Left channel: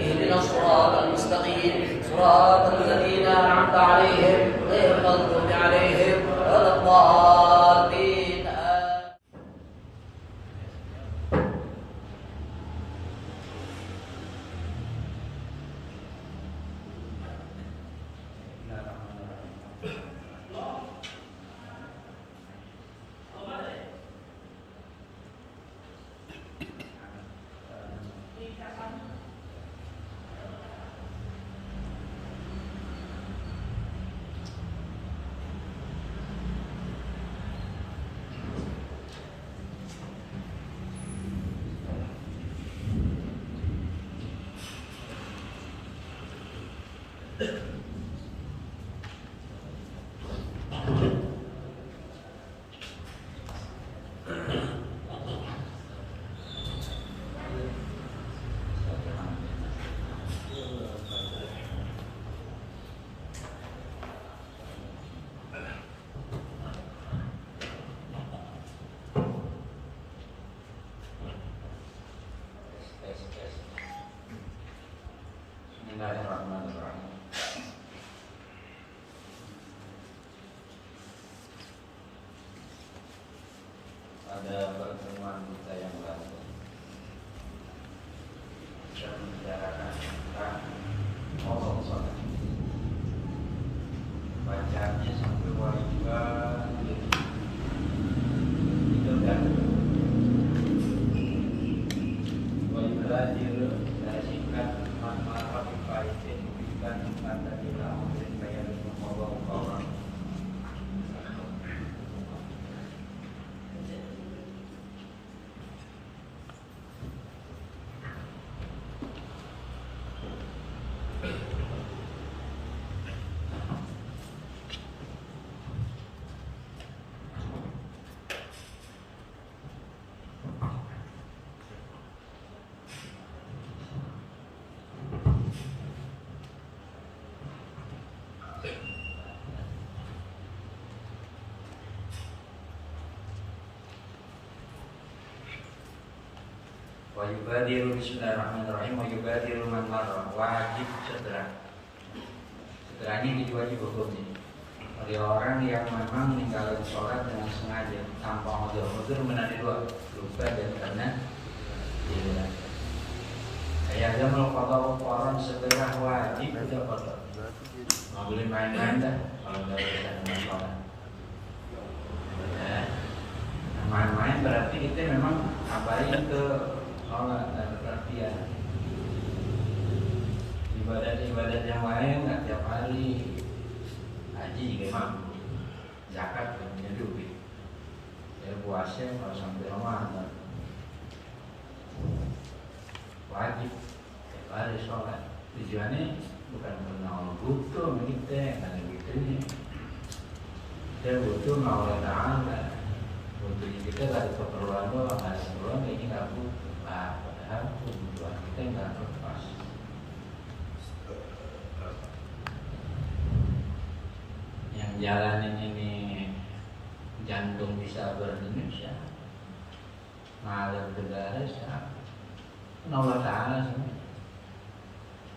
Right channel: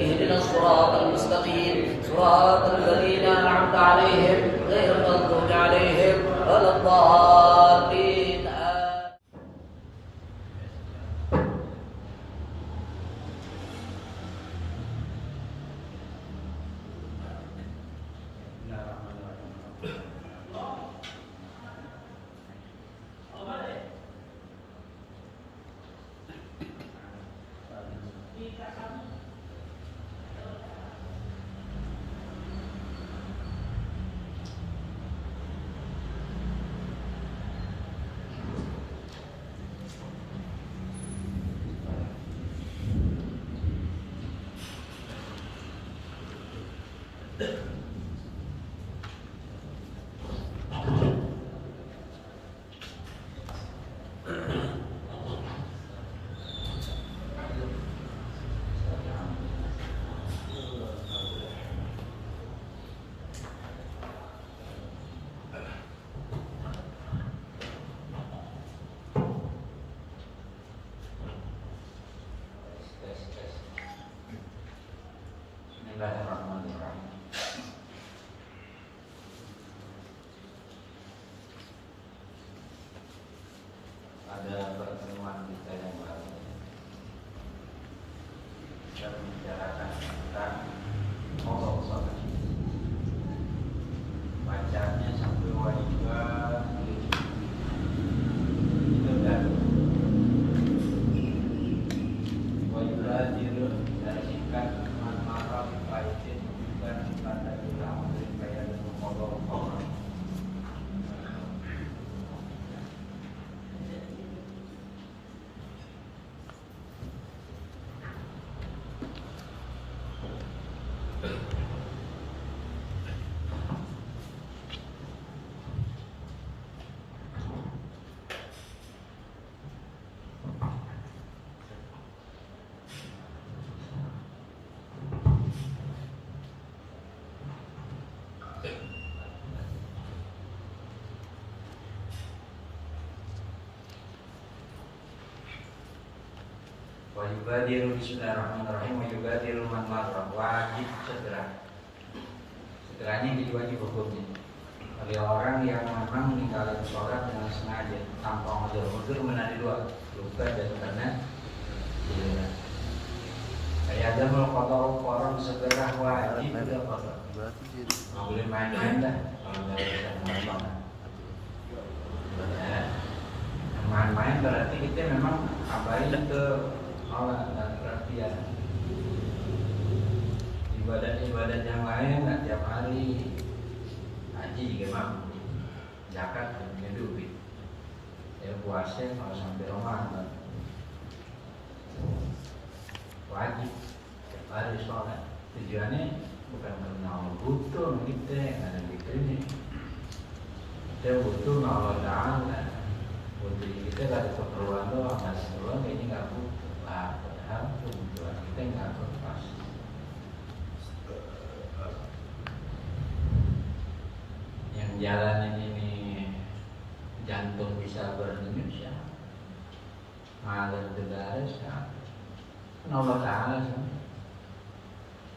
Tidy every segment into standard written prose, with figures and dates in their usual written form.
اهدنا الصراط المستقيم صراط الذين أنعمت عليهم غير المغضوب عليهم ولا الضالين. Bismillahirrahmanirrahim. Pada pertemuan kita yang lalu kita membicarakan tentang Allah SWT. Bacanya sampai wajiban itu kan wajiban dulu dari singkat maaf dipaitin dan pada bilang kayak dengan Allah. Wajibadiru bismillahirrahmanirrahim. Wajibadiru man marrah. Wajib segera. Segeranya jadi wajib hukumnya. Bagi orang yang memang meninggalkan sholat dengan sengaja tanpa uzur menadi dua, lupa dan karena tidak. Kayak agama qada orang segera wajib udah qada. Nggak boleh main-main dah kalau nggak bisa sholat. Main-main berarti kita memang abai ke sholat dan perhatian. Ibadat-ibadat yang lain nggak tiap hari. Haji juga mampu, zakat punya duit. Ya puasa kalau sampai Ramadan wajib tiap hari sholat. Tujuannya bukan karena Allah butuh kita, karena gitu kita butuh Allah Taala. Butuhnya kita dari keperluan doang, dari keperluan kayaknya nggak butuh. Padahal kebutuhan kita nggak lepas. Yang jalanin ini jantung bisa berindonesia, ngalir negara siapa? Allah Taala sih.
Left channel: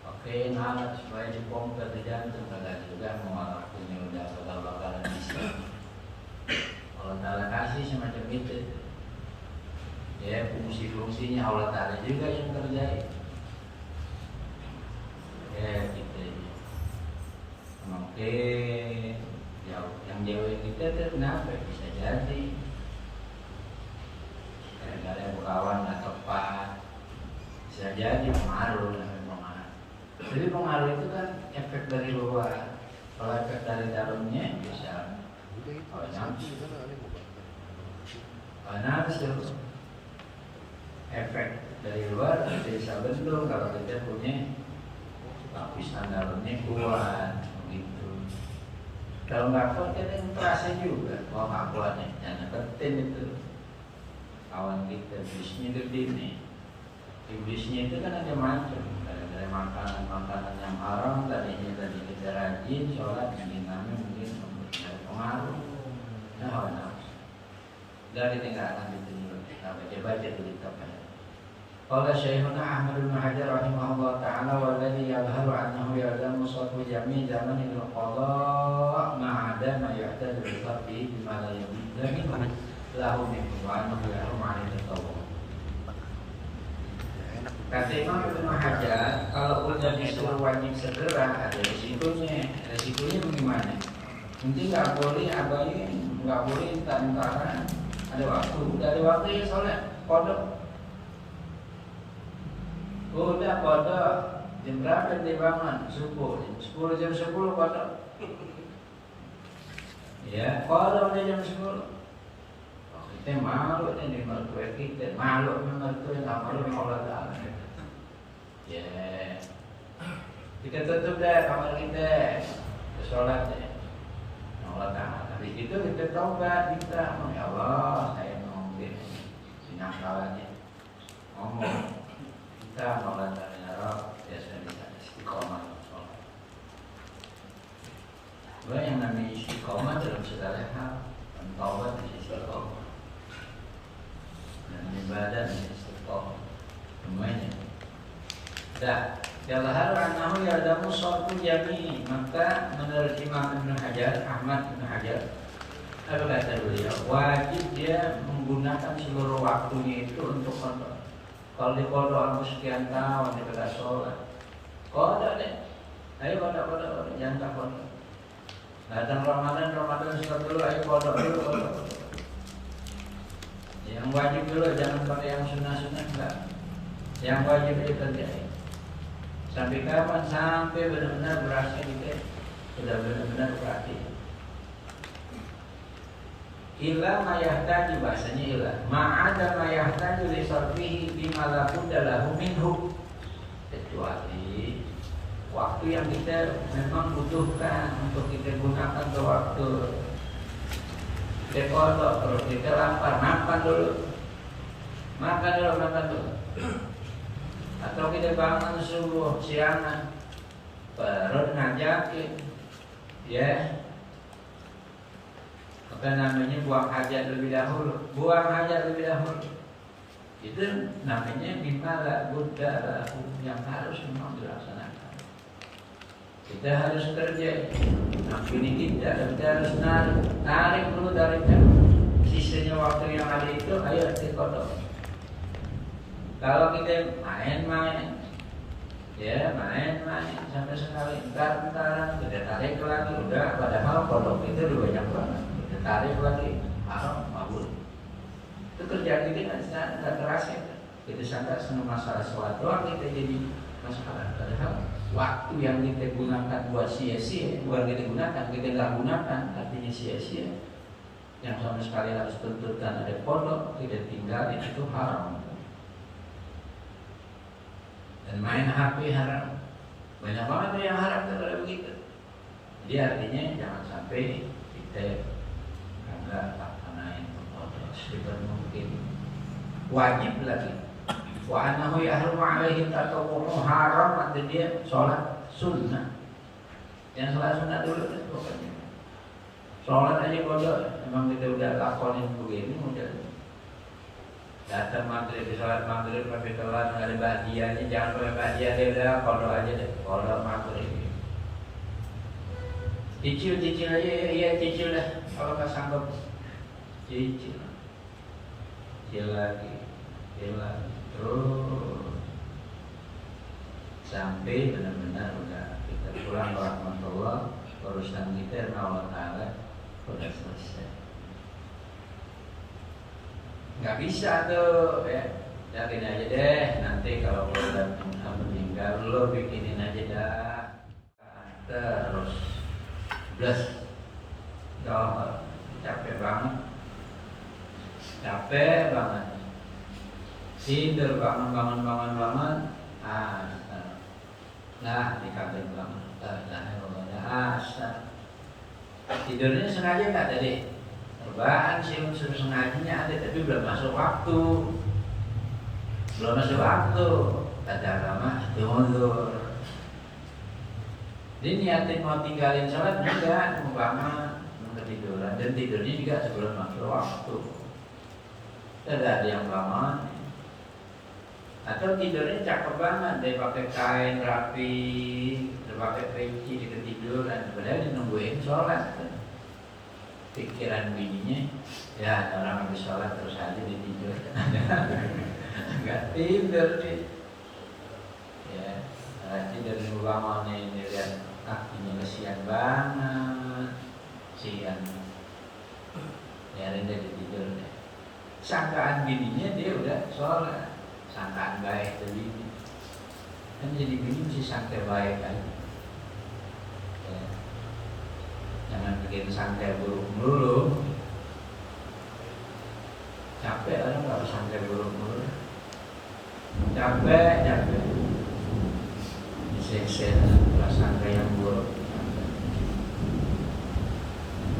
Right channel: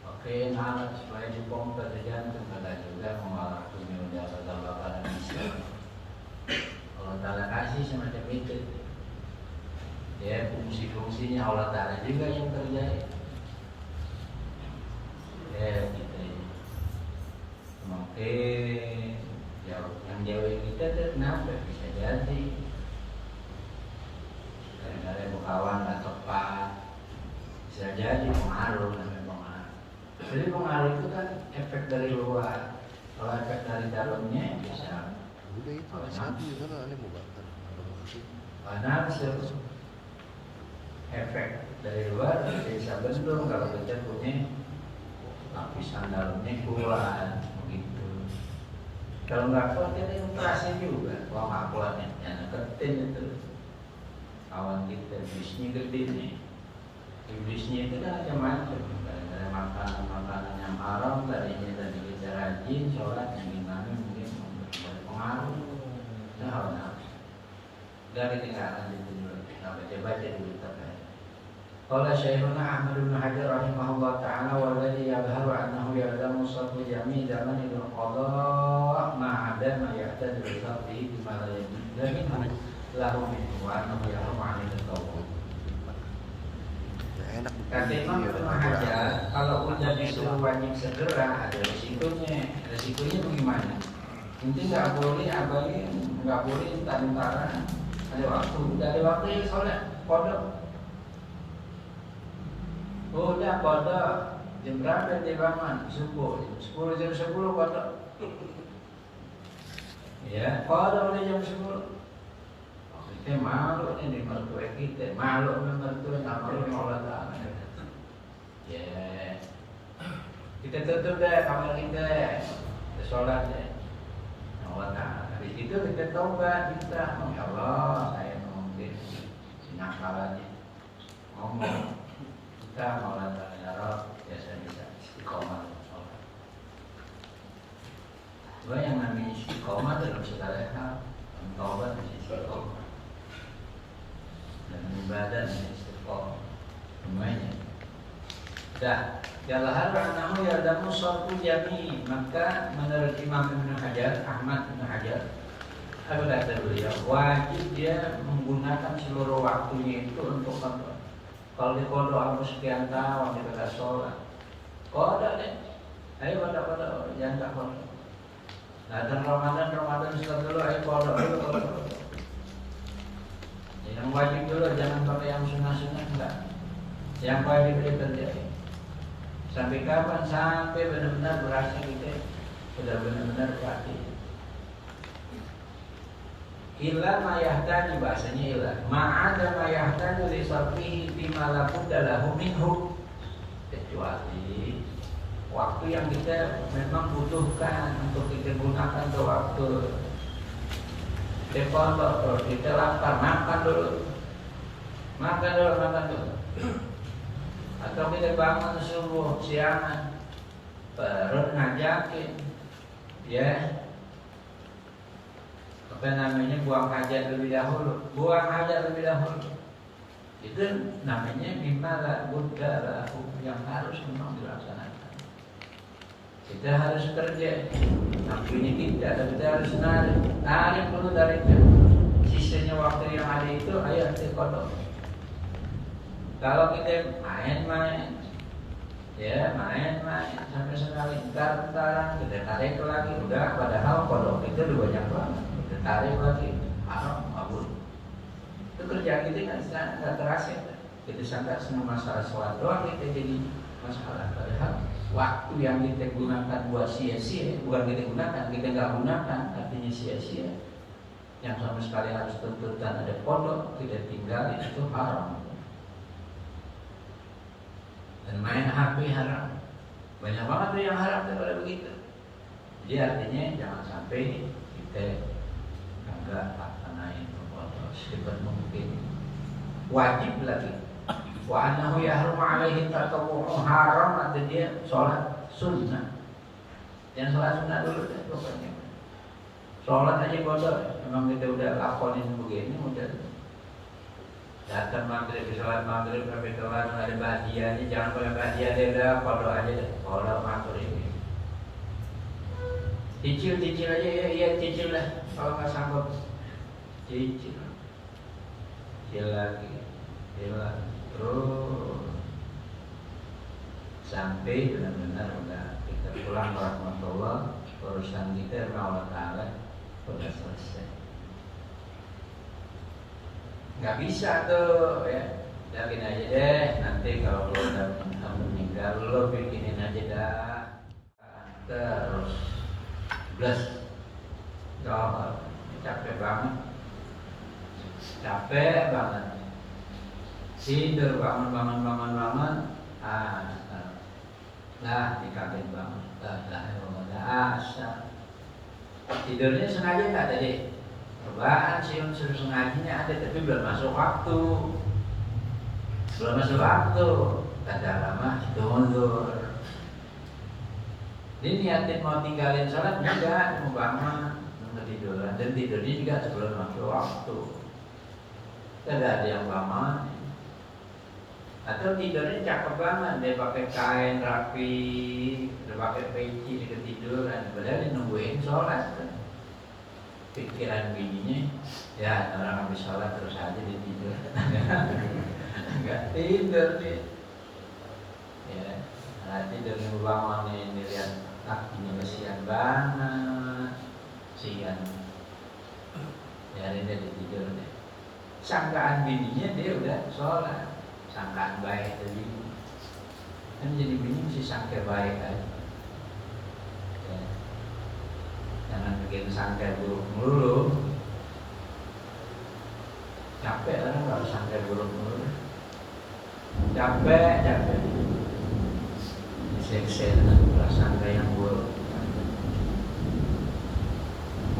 Oke, ngalir supaya dipompa ke jantung, kagak juga mau punya udah bakal bisa. Allah Ta'ala kasih semacam itu. Ya, fungsi-fungsinya Allah Ta'ala juga yang kerjain. Ya, gitu. Oke, yang jauh kita tuh kenapa? Bisa jadi ada kawan nggak tepat. Bisa jadi pengaruh. Jadi pengaruh itu kan efek dari luar. Kalau efek dari dalamnya bisa nafsu. Efek dari luar bisa bentuk kalau kita punya lapisan dalamnya kuat begitu. Kalau nggak kuat kita terasa juga. Kalau nggak kuatnya jangan deketin itu. Kawan kita iblisnya gede nih. Iblisnya itu kan macam-macam. Dari makanan yang haram tadi kita rajin sholat mungkin dari pengaruh. Nah, hawa nafsu. Dari tingkatan itu kita baca dulu kitabnya. Qala Syekhuna Ahmad bin Hajar rahimahullah taala jami zaman itu qada ma'ada ma ya'tad bi sabbi bima la yamin lahu min wa annahu ya'lamu 'ala al-tawbah. Kata Imam Ibnu Hajar, kalau udah disuruh wajib segera ada risikonya. Risikonya bagaimana? Nanti nggak boleh abangnya nggak boleh antara ada waktu, dari waktu ya sholat kodok. Udah kodok jam berapa dia bangun? Subuh jam 10 kodok. Ya kodok udah jam 10. Kita malu ini mertua kita, malu mertua nggak malu Allah Taala. Ya kita tutup deh kamar kita, sholat ya. Allah Ta'ala. Di situ kita taubat, minta, ya Allah, saya mau sinang salahnya, ngomong, kita Allah Ta'ala ya Rabb, biasa bisa istiqomah. Bahwa yang namanya istiqomah dalam segala hal, dan taubat di istiqomah, dan ibadah dan istiqomah, semuanya. Dah. Jalahar annahu yardamu sharfu jami. Maka menurut Imam Ibnu Hajar, Ahmad Ibnu Hajar, apa kata beliau, wajib dia menggunakan seluruh waktunya itu untuk kodok. Kalau di kodok aku sekian tahun dia pada sholat, kodok deh. Ayo kodok, jangan tak kodok. Datang Ramadan setelah dulu, ayo kodok dulu. Yang wajib dulu, jangan pakai yang sunnah-sunnah enggak. Yang wajib itu terjadi. Sampai kapan? Sampai benar-benar berhasil kita sudah benar-benar berarti. Ila mayahtaju, bahasanya ila ma'ada mayahtaju li sarfihi bima la budda lahu minhu, kecuali waktu yang kita memang butuhkan untuk kita gunakan ke waktu kita kodok. Kalau kita lapar, makan dulu. Atau kita bangun subuh siangan baru ngajakin ya apa namanya buang hajat lebih dahulu, itu namanya bimala budda yang harus memang dilaksanakan. Kita harus kerja, tapi ini kita harus narik dulu dari sisanya waktu yang ada itu, ayo dikodok. Kalau kita main-main sampai sekali bentar kita tarik lagi, udah padahal kodok kita udah banyak banget, kita tarik lagi haram mabur. Itu kerjaan kita nggak terasa. Kita sangka semua masalah sholat doang kita jadi masalah, padahal waktu yang kita gunakan buat sia-sia, bukan kita gunakan, kita nggak gunakan, artinya sia-sia. Yang sama sekali harus tuntutan ada kodok, kita tinggal itu haram. Dan main HP haram, banyak banget tuh yang haram kalau begitu. Jadi artinya jangan sampai kita enggak naik kodok secepat mungkin. Wajib lagi. Wa annahu yahrumu alaihi tatawwu, haram ada dia sholat sunnah. Yang sholat sunnah dulu kan pokoknya. Sholat aja kodok, memang kita udah lakonin begini udah. Datang maghrib, sholat maghrib, sampai sholat ada bahagianya, jangan boleh bahagia dia udah kodok aja deh, kodok maghrib. Cicil aja, iya cicil lah, kalau nggak sanggup cicil lagi, terus sampai benar-benar udah kita pulang ke rahmatullah, urusan kita Allah Ta'ala udah selesai. Nggak bisa tuh ya, yakin aja deh, nanti kalau udah meninggal lo bikinin aja dah, terus plus capek banget tidur bangun dikaget banget tidurnya sengaja nggak tadi? Perubahan sih unsur sengajanya ada, tapi belum masuk waktu. Kata lama itu mundur. Dia niatin mau tinggalin sholat juga, mau bangun, mau ketiduran, dan tidurnya juga sebelum masuk waktu. Tidak ada yang bangun. Atau tidurnya cakep banget, dia pakai kain rapi, dia pakai peci, dia ketiduran, padahal dia nungguin sholat. Pikiran bininya, ya orang habis sholat terus aja dia tidur. Enggak tidur dia. Ya, tidur di ulamanya ini lihat kakinya kesian banget, sian. Ya dia tidur deh. Sangkaan bininya dia udah sholat. Sangkaan baik dari ini kan jadi bini mesti sangka baik kan ya. Jangan bikin sangka buruk melulu, capek orang nggak harus sangka buruk melulu, capek diseksa kalau sangka yang buruk.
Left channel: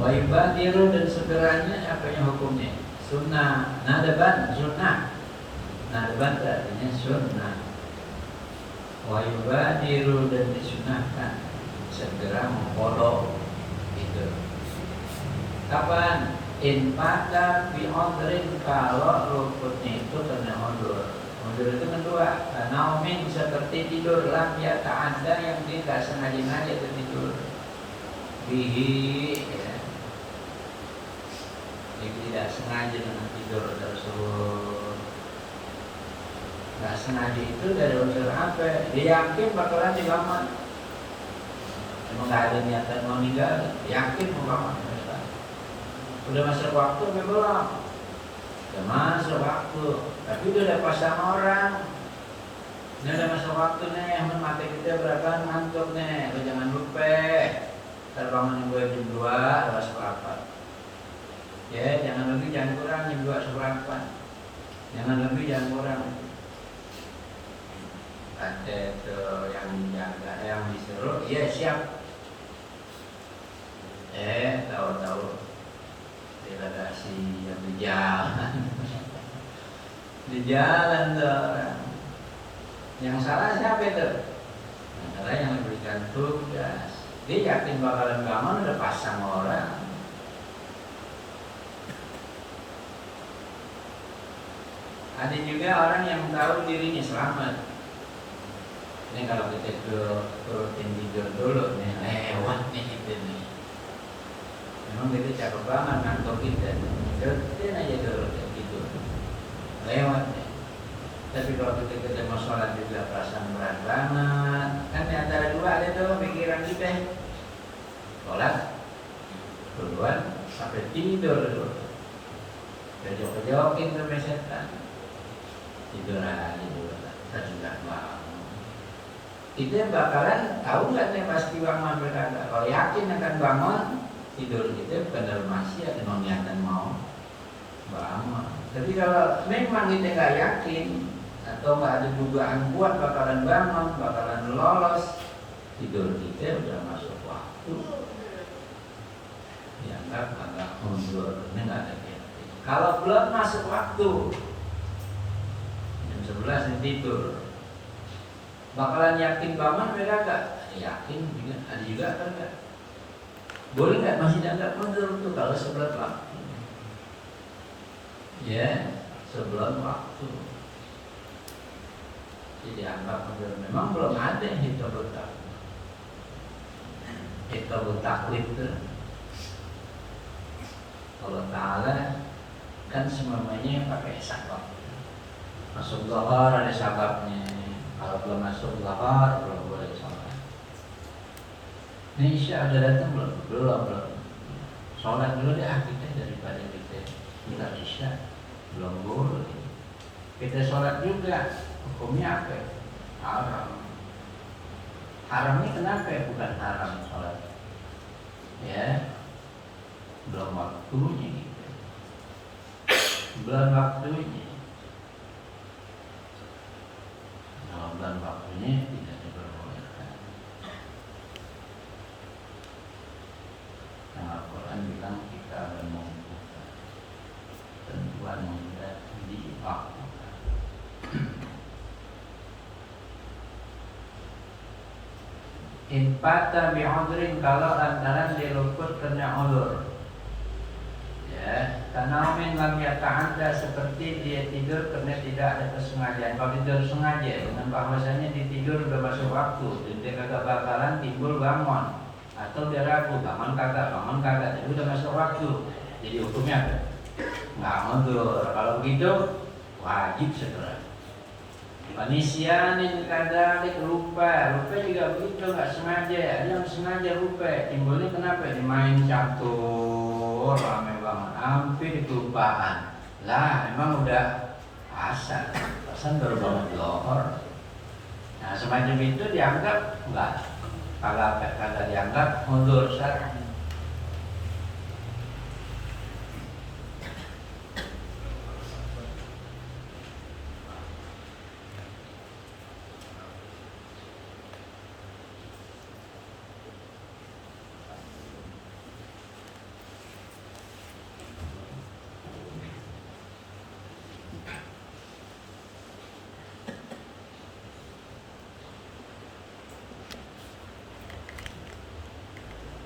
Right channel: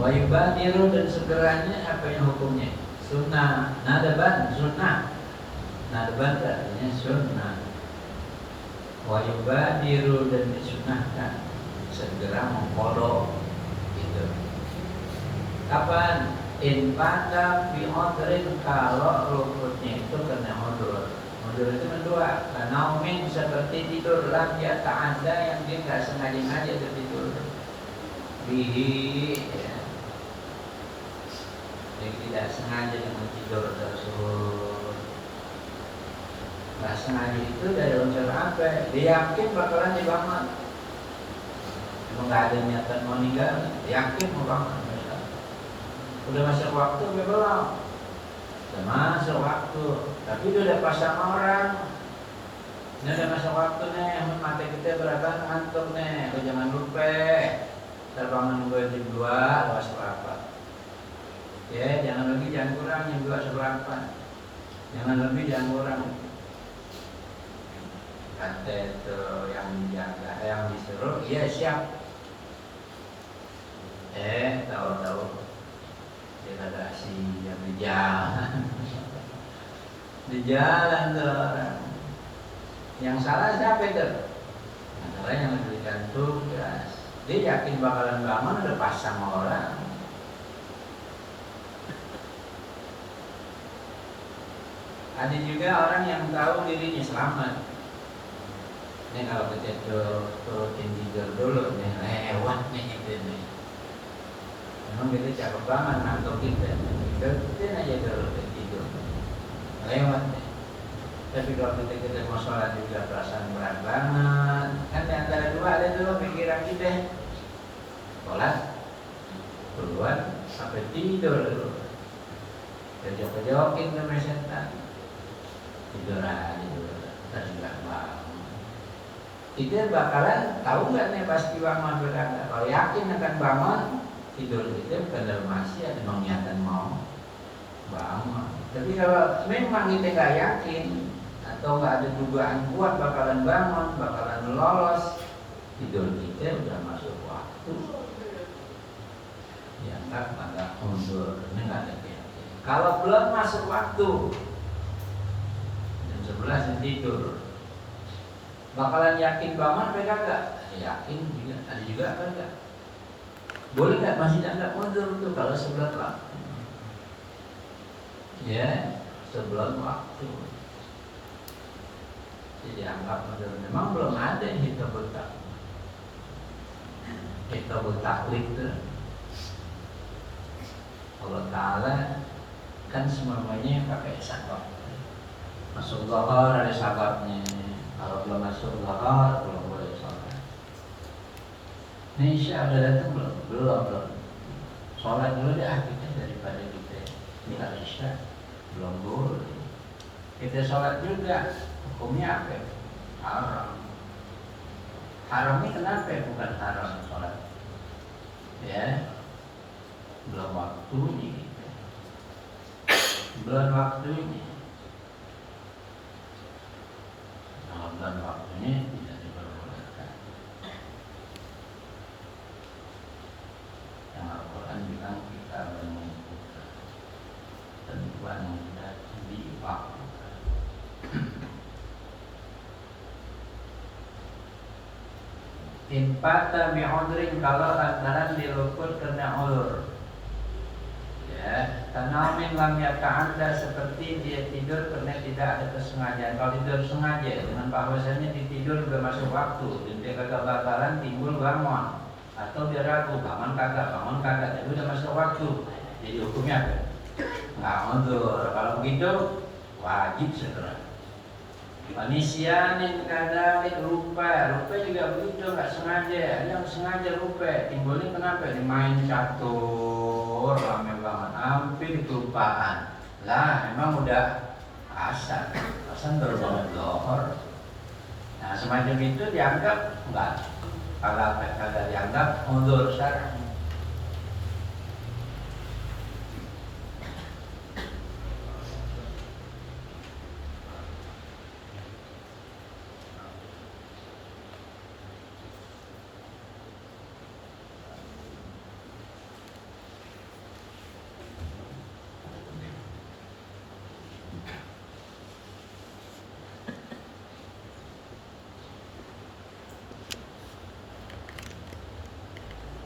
Wayubadiru dan segeranya apa yang hukumnya sunnah, nadaban sunnah. Nadban artinya sunnah. Wa yubadiru dan disunahkan segera mengkodok itu. Kapan? In pada bi odrin kalau luputnya itu kena odur. Odur itu kedua. Karena umin seperti tidur lam ya tak ada yang dia nggak sengaja tertidur. Bihi ya. Jadi tidak sengaja dengan tidur tersebut. Gak sengaja itu dari unsur apa? Dia yakin bakalan dibangun. Emang gak ada niatan mau meninggal, yakin mau bangun. Udah masuk waktu belum? Udah masuk waktu, tapi udah pasang orang. Ini udah masuk waktu nih, mata kita berapa ngantuk nih. Lo jangan lupa terbangun jam 2 atau seberapa. Ya, jangan lebih, jangan kurang jam 2 seberapa. Jangan lebih, jangan kurang. Ada itu yang dijaga, yang disuruh, iya siap. Tahu-tahu degradasi yang di jalan, di jalan tuh orang. Yang salah siapa itu? Yang salah yang memberikan tugas. Dia yakin bakalan bangun, udah pasang orang. Ada juga orang yang tahu dirinya selamat. Ini kalau kita rutin tidur dulu nih, lewat nih gitu nih. Memang kita cakep banget ngantuk kita. Rutin aja dulu tidur, lewat nih. Tapi kalau kita mau sholat juga perasaan berat banget. Kan di antara dua ada tuh pikiran kita. Sholat duluan sampai tidur dulu. Kejok-kejokin sampai setan. Tidur aja dulu, terus malam. Kita bakalan tahu nggak nih pasti bangun berkata. Kalau yakin akan bangun, tidur kita kadang masih ada niatan mau bangun. Tapi kalau memang kita nggak yakin atau nggak ada dugaan kuat bakalan bangun, bakalan lolos, tidur kita udah masuk waktu. Ya agak mundur, ini nggak ada yakin. Kalau belum masuk waktu, jam 11 tidur. Bakalan yakin bangun beda gak? Yakin juga, ada juga kan enggak? Boleh gak masih dianggap mundur tuh kalau sebelum waktu? Ya, sebelum waktu. Jadi anggap mundur. Memang belum ada yang hitobut taklid itu. Allah Ta'ala kan semuanya pakai sabab. Masuk zuhur ada sababnya. Kalau belum masuk zuhur belum boleh sholat. Ini Isya udah datang belum? Belum. Sholat dulu deh kita daripada kita minta Isya. Belum boleh. Kita sholat juga. Hukumnya apa? Haram. Haramnya kenapa? Bukan haram sholat. Ya, belum waktunya gitu. Belum waktunya. Bulan waktunya tidak diperbolehkan. Yang Al-Quran bilang kita menentukan tentuan mudah diwaktukan. In fata bi'udrin kalau lantaran diluput karena udur. Ya. Tanamin lam yata'adda, seperti dia tidur karena tidak ada kesengajaan. Kalau tidur sengaja dengan bahwasanya di tidur udah masuk waktu, dia kagak bakalan timbul bangun, atau dia ragu bangun kagak, jadi udah masuk waktu. Jadi hukumnya apa? Nggak mundur. Kalau begitu wajib segera. Manisyanin kadalik lupa juga begitu, nggak sengaja. Ada yang sengaja lupa, timbulnya kenapa? Dimain catur rame banget, hampir kelupaan. Lah emang udah asar baru bangun lohor. Nah semacam itu dianggap enggak, kalau dianggap mundur syar'i.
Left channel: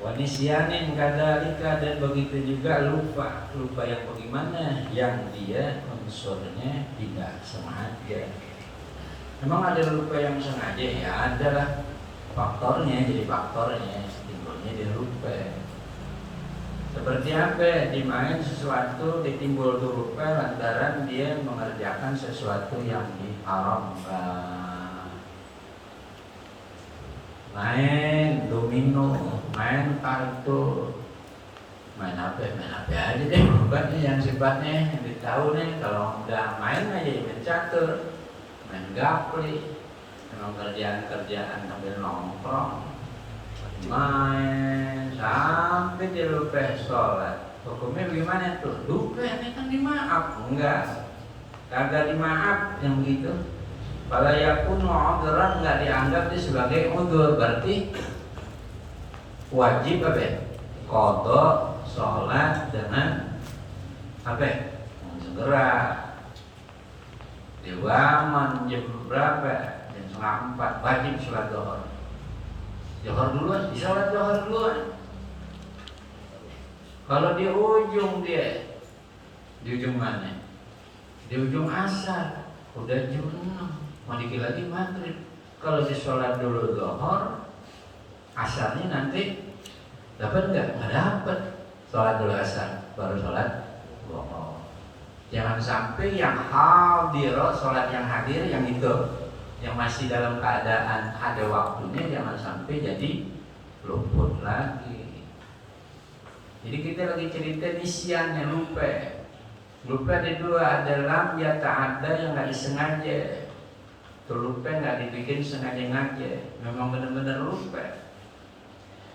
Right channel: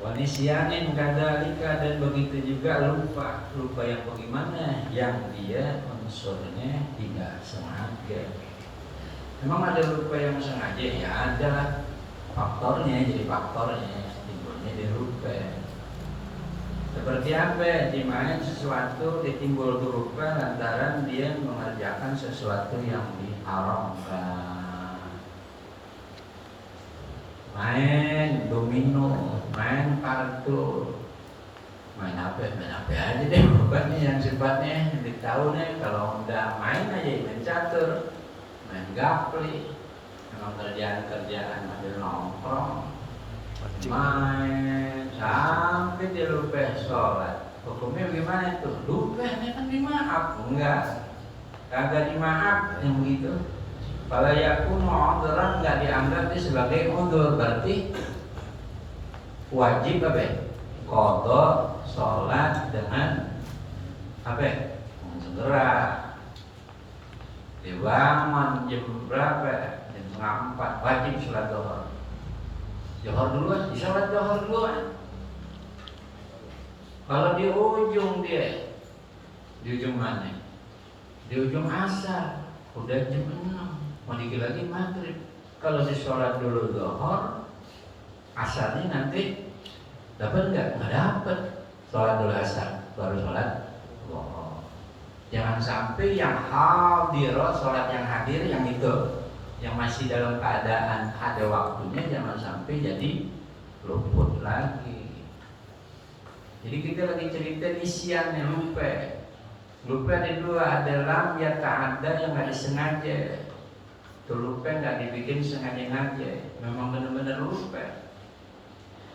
Wanisyanin kadalika, dan begitu juga lupa yang bagaimana, yang dia unsurnya tidak sengaja. Memang ada lupa yang sengaja, ya adalah faktornya, jadi faktornya timbulnya dia lupa. Seperti apa? Dimain sesuatu ditimbul lupa lantaran dia mengerjakan sesuatu yang diharamkan. Main domino, main kartu, main apa aja deh, bukannya yang sifatnya tahu nih. Kalau udah main aja, main catur, main gapli, memang kerjaan sambil nongkrong, main sampai dia lupa sholat. Hukumnya bagaimana tuh? Lupa ini kan dimaaf? Enggak, kagak dimaaf yang begitu. Kalau yakun mu'adharan, nggak dianggap itu sebagai udhur, berarti wajib apa? Qadha sholat dengan apa? Segera. Dibangun jam berapa? Jam 3:30 wajib sholat zuhur. Zuhur duluan, disalat zuhur duluan. Kalau di ujung mana? Di ujung asar, udah jam 6. Mau dikit lagi maghrib. Kalau sholat dulu zuhur, asarnya nanti dapat nggak? Nggak dapat. Sholat dulu asar, baru sholat zuhur. Jangan sampai yang hadir, sholat yang hadir yang itu, yang masih dalam keadaan ada waktunya, jangan sampai jadi luput lagi. Jadi kita lagi cerita nisyan yang lupa. Lupa ada dua, adalah ya ta'adda yang nggak disengaja. Lupa nggak dibikin sengaja, memang benar-benar lupa.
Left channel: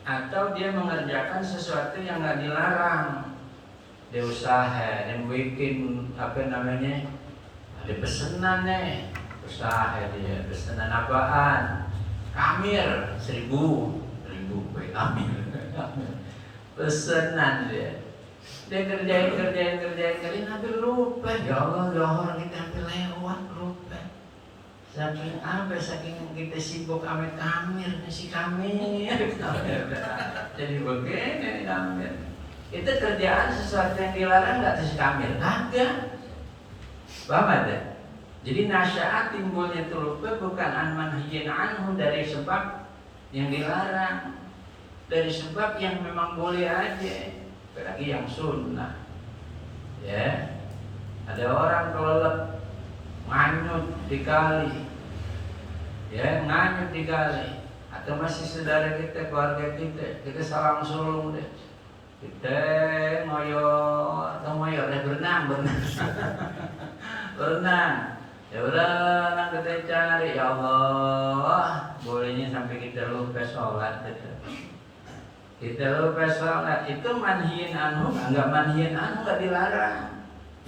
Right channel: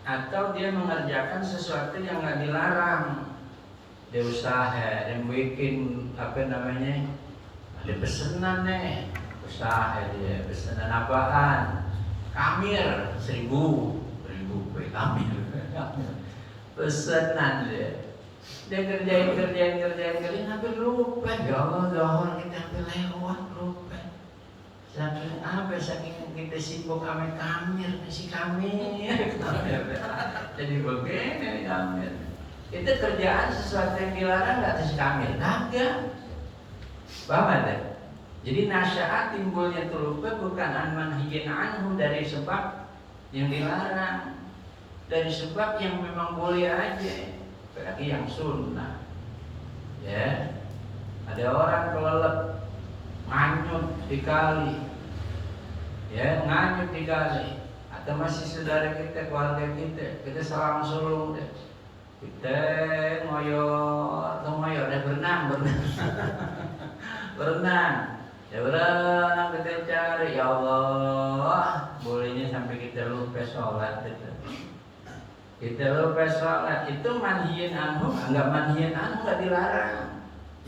Atau dia mengerjakan sesuatu yang nggak dilarang. Dia usaha, dia bikin ada pesanan nih, usaha dia pesanan apaan? Kamir 1.000 kue kamir. Pesanan dia kerjain hampir lupa. Ya Allah, zuhur kita hampir lewat, lupa. Saking kita sibuk sama kamir, jadi begini kamir. Kita kerjaan sesuatu yang dilarang nggak terus kamir, kagak. Paham ada? Jadi nasyaat timbulnya lupa bukan an manhiyin anhu, dari sebab yang dilarang, dari sebab yang memang boleh aja, apalagi yang sunnah. Ya, ada orang kelelep nganyut di kali, ya nganyut di kali, atau masih saudara kita, keluarga kita salam sulung deh, kita ngoyor deh, berenang ya berenang, kita cari, ya Allah, bolehnya sampai kita lupa sholat gitu. Kita lupa sholat itu manhiyin anhu, enggak manhiyin anhu, enggak dilarang.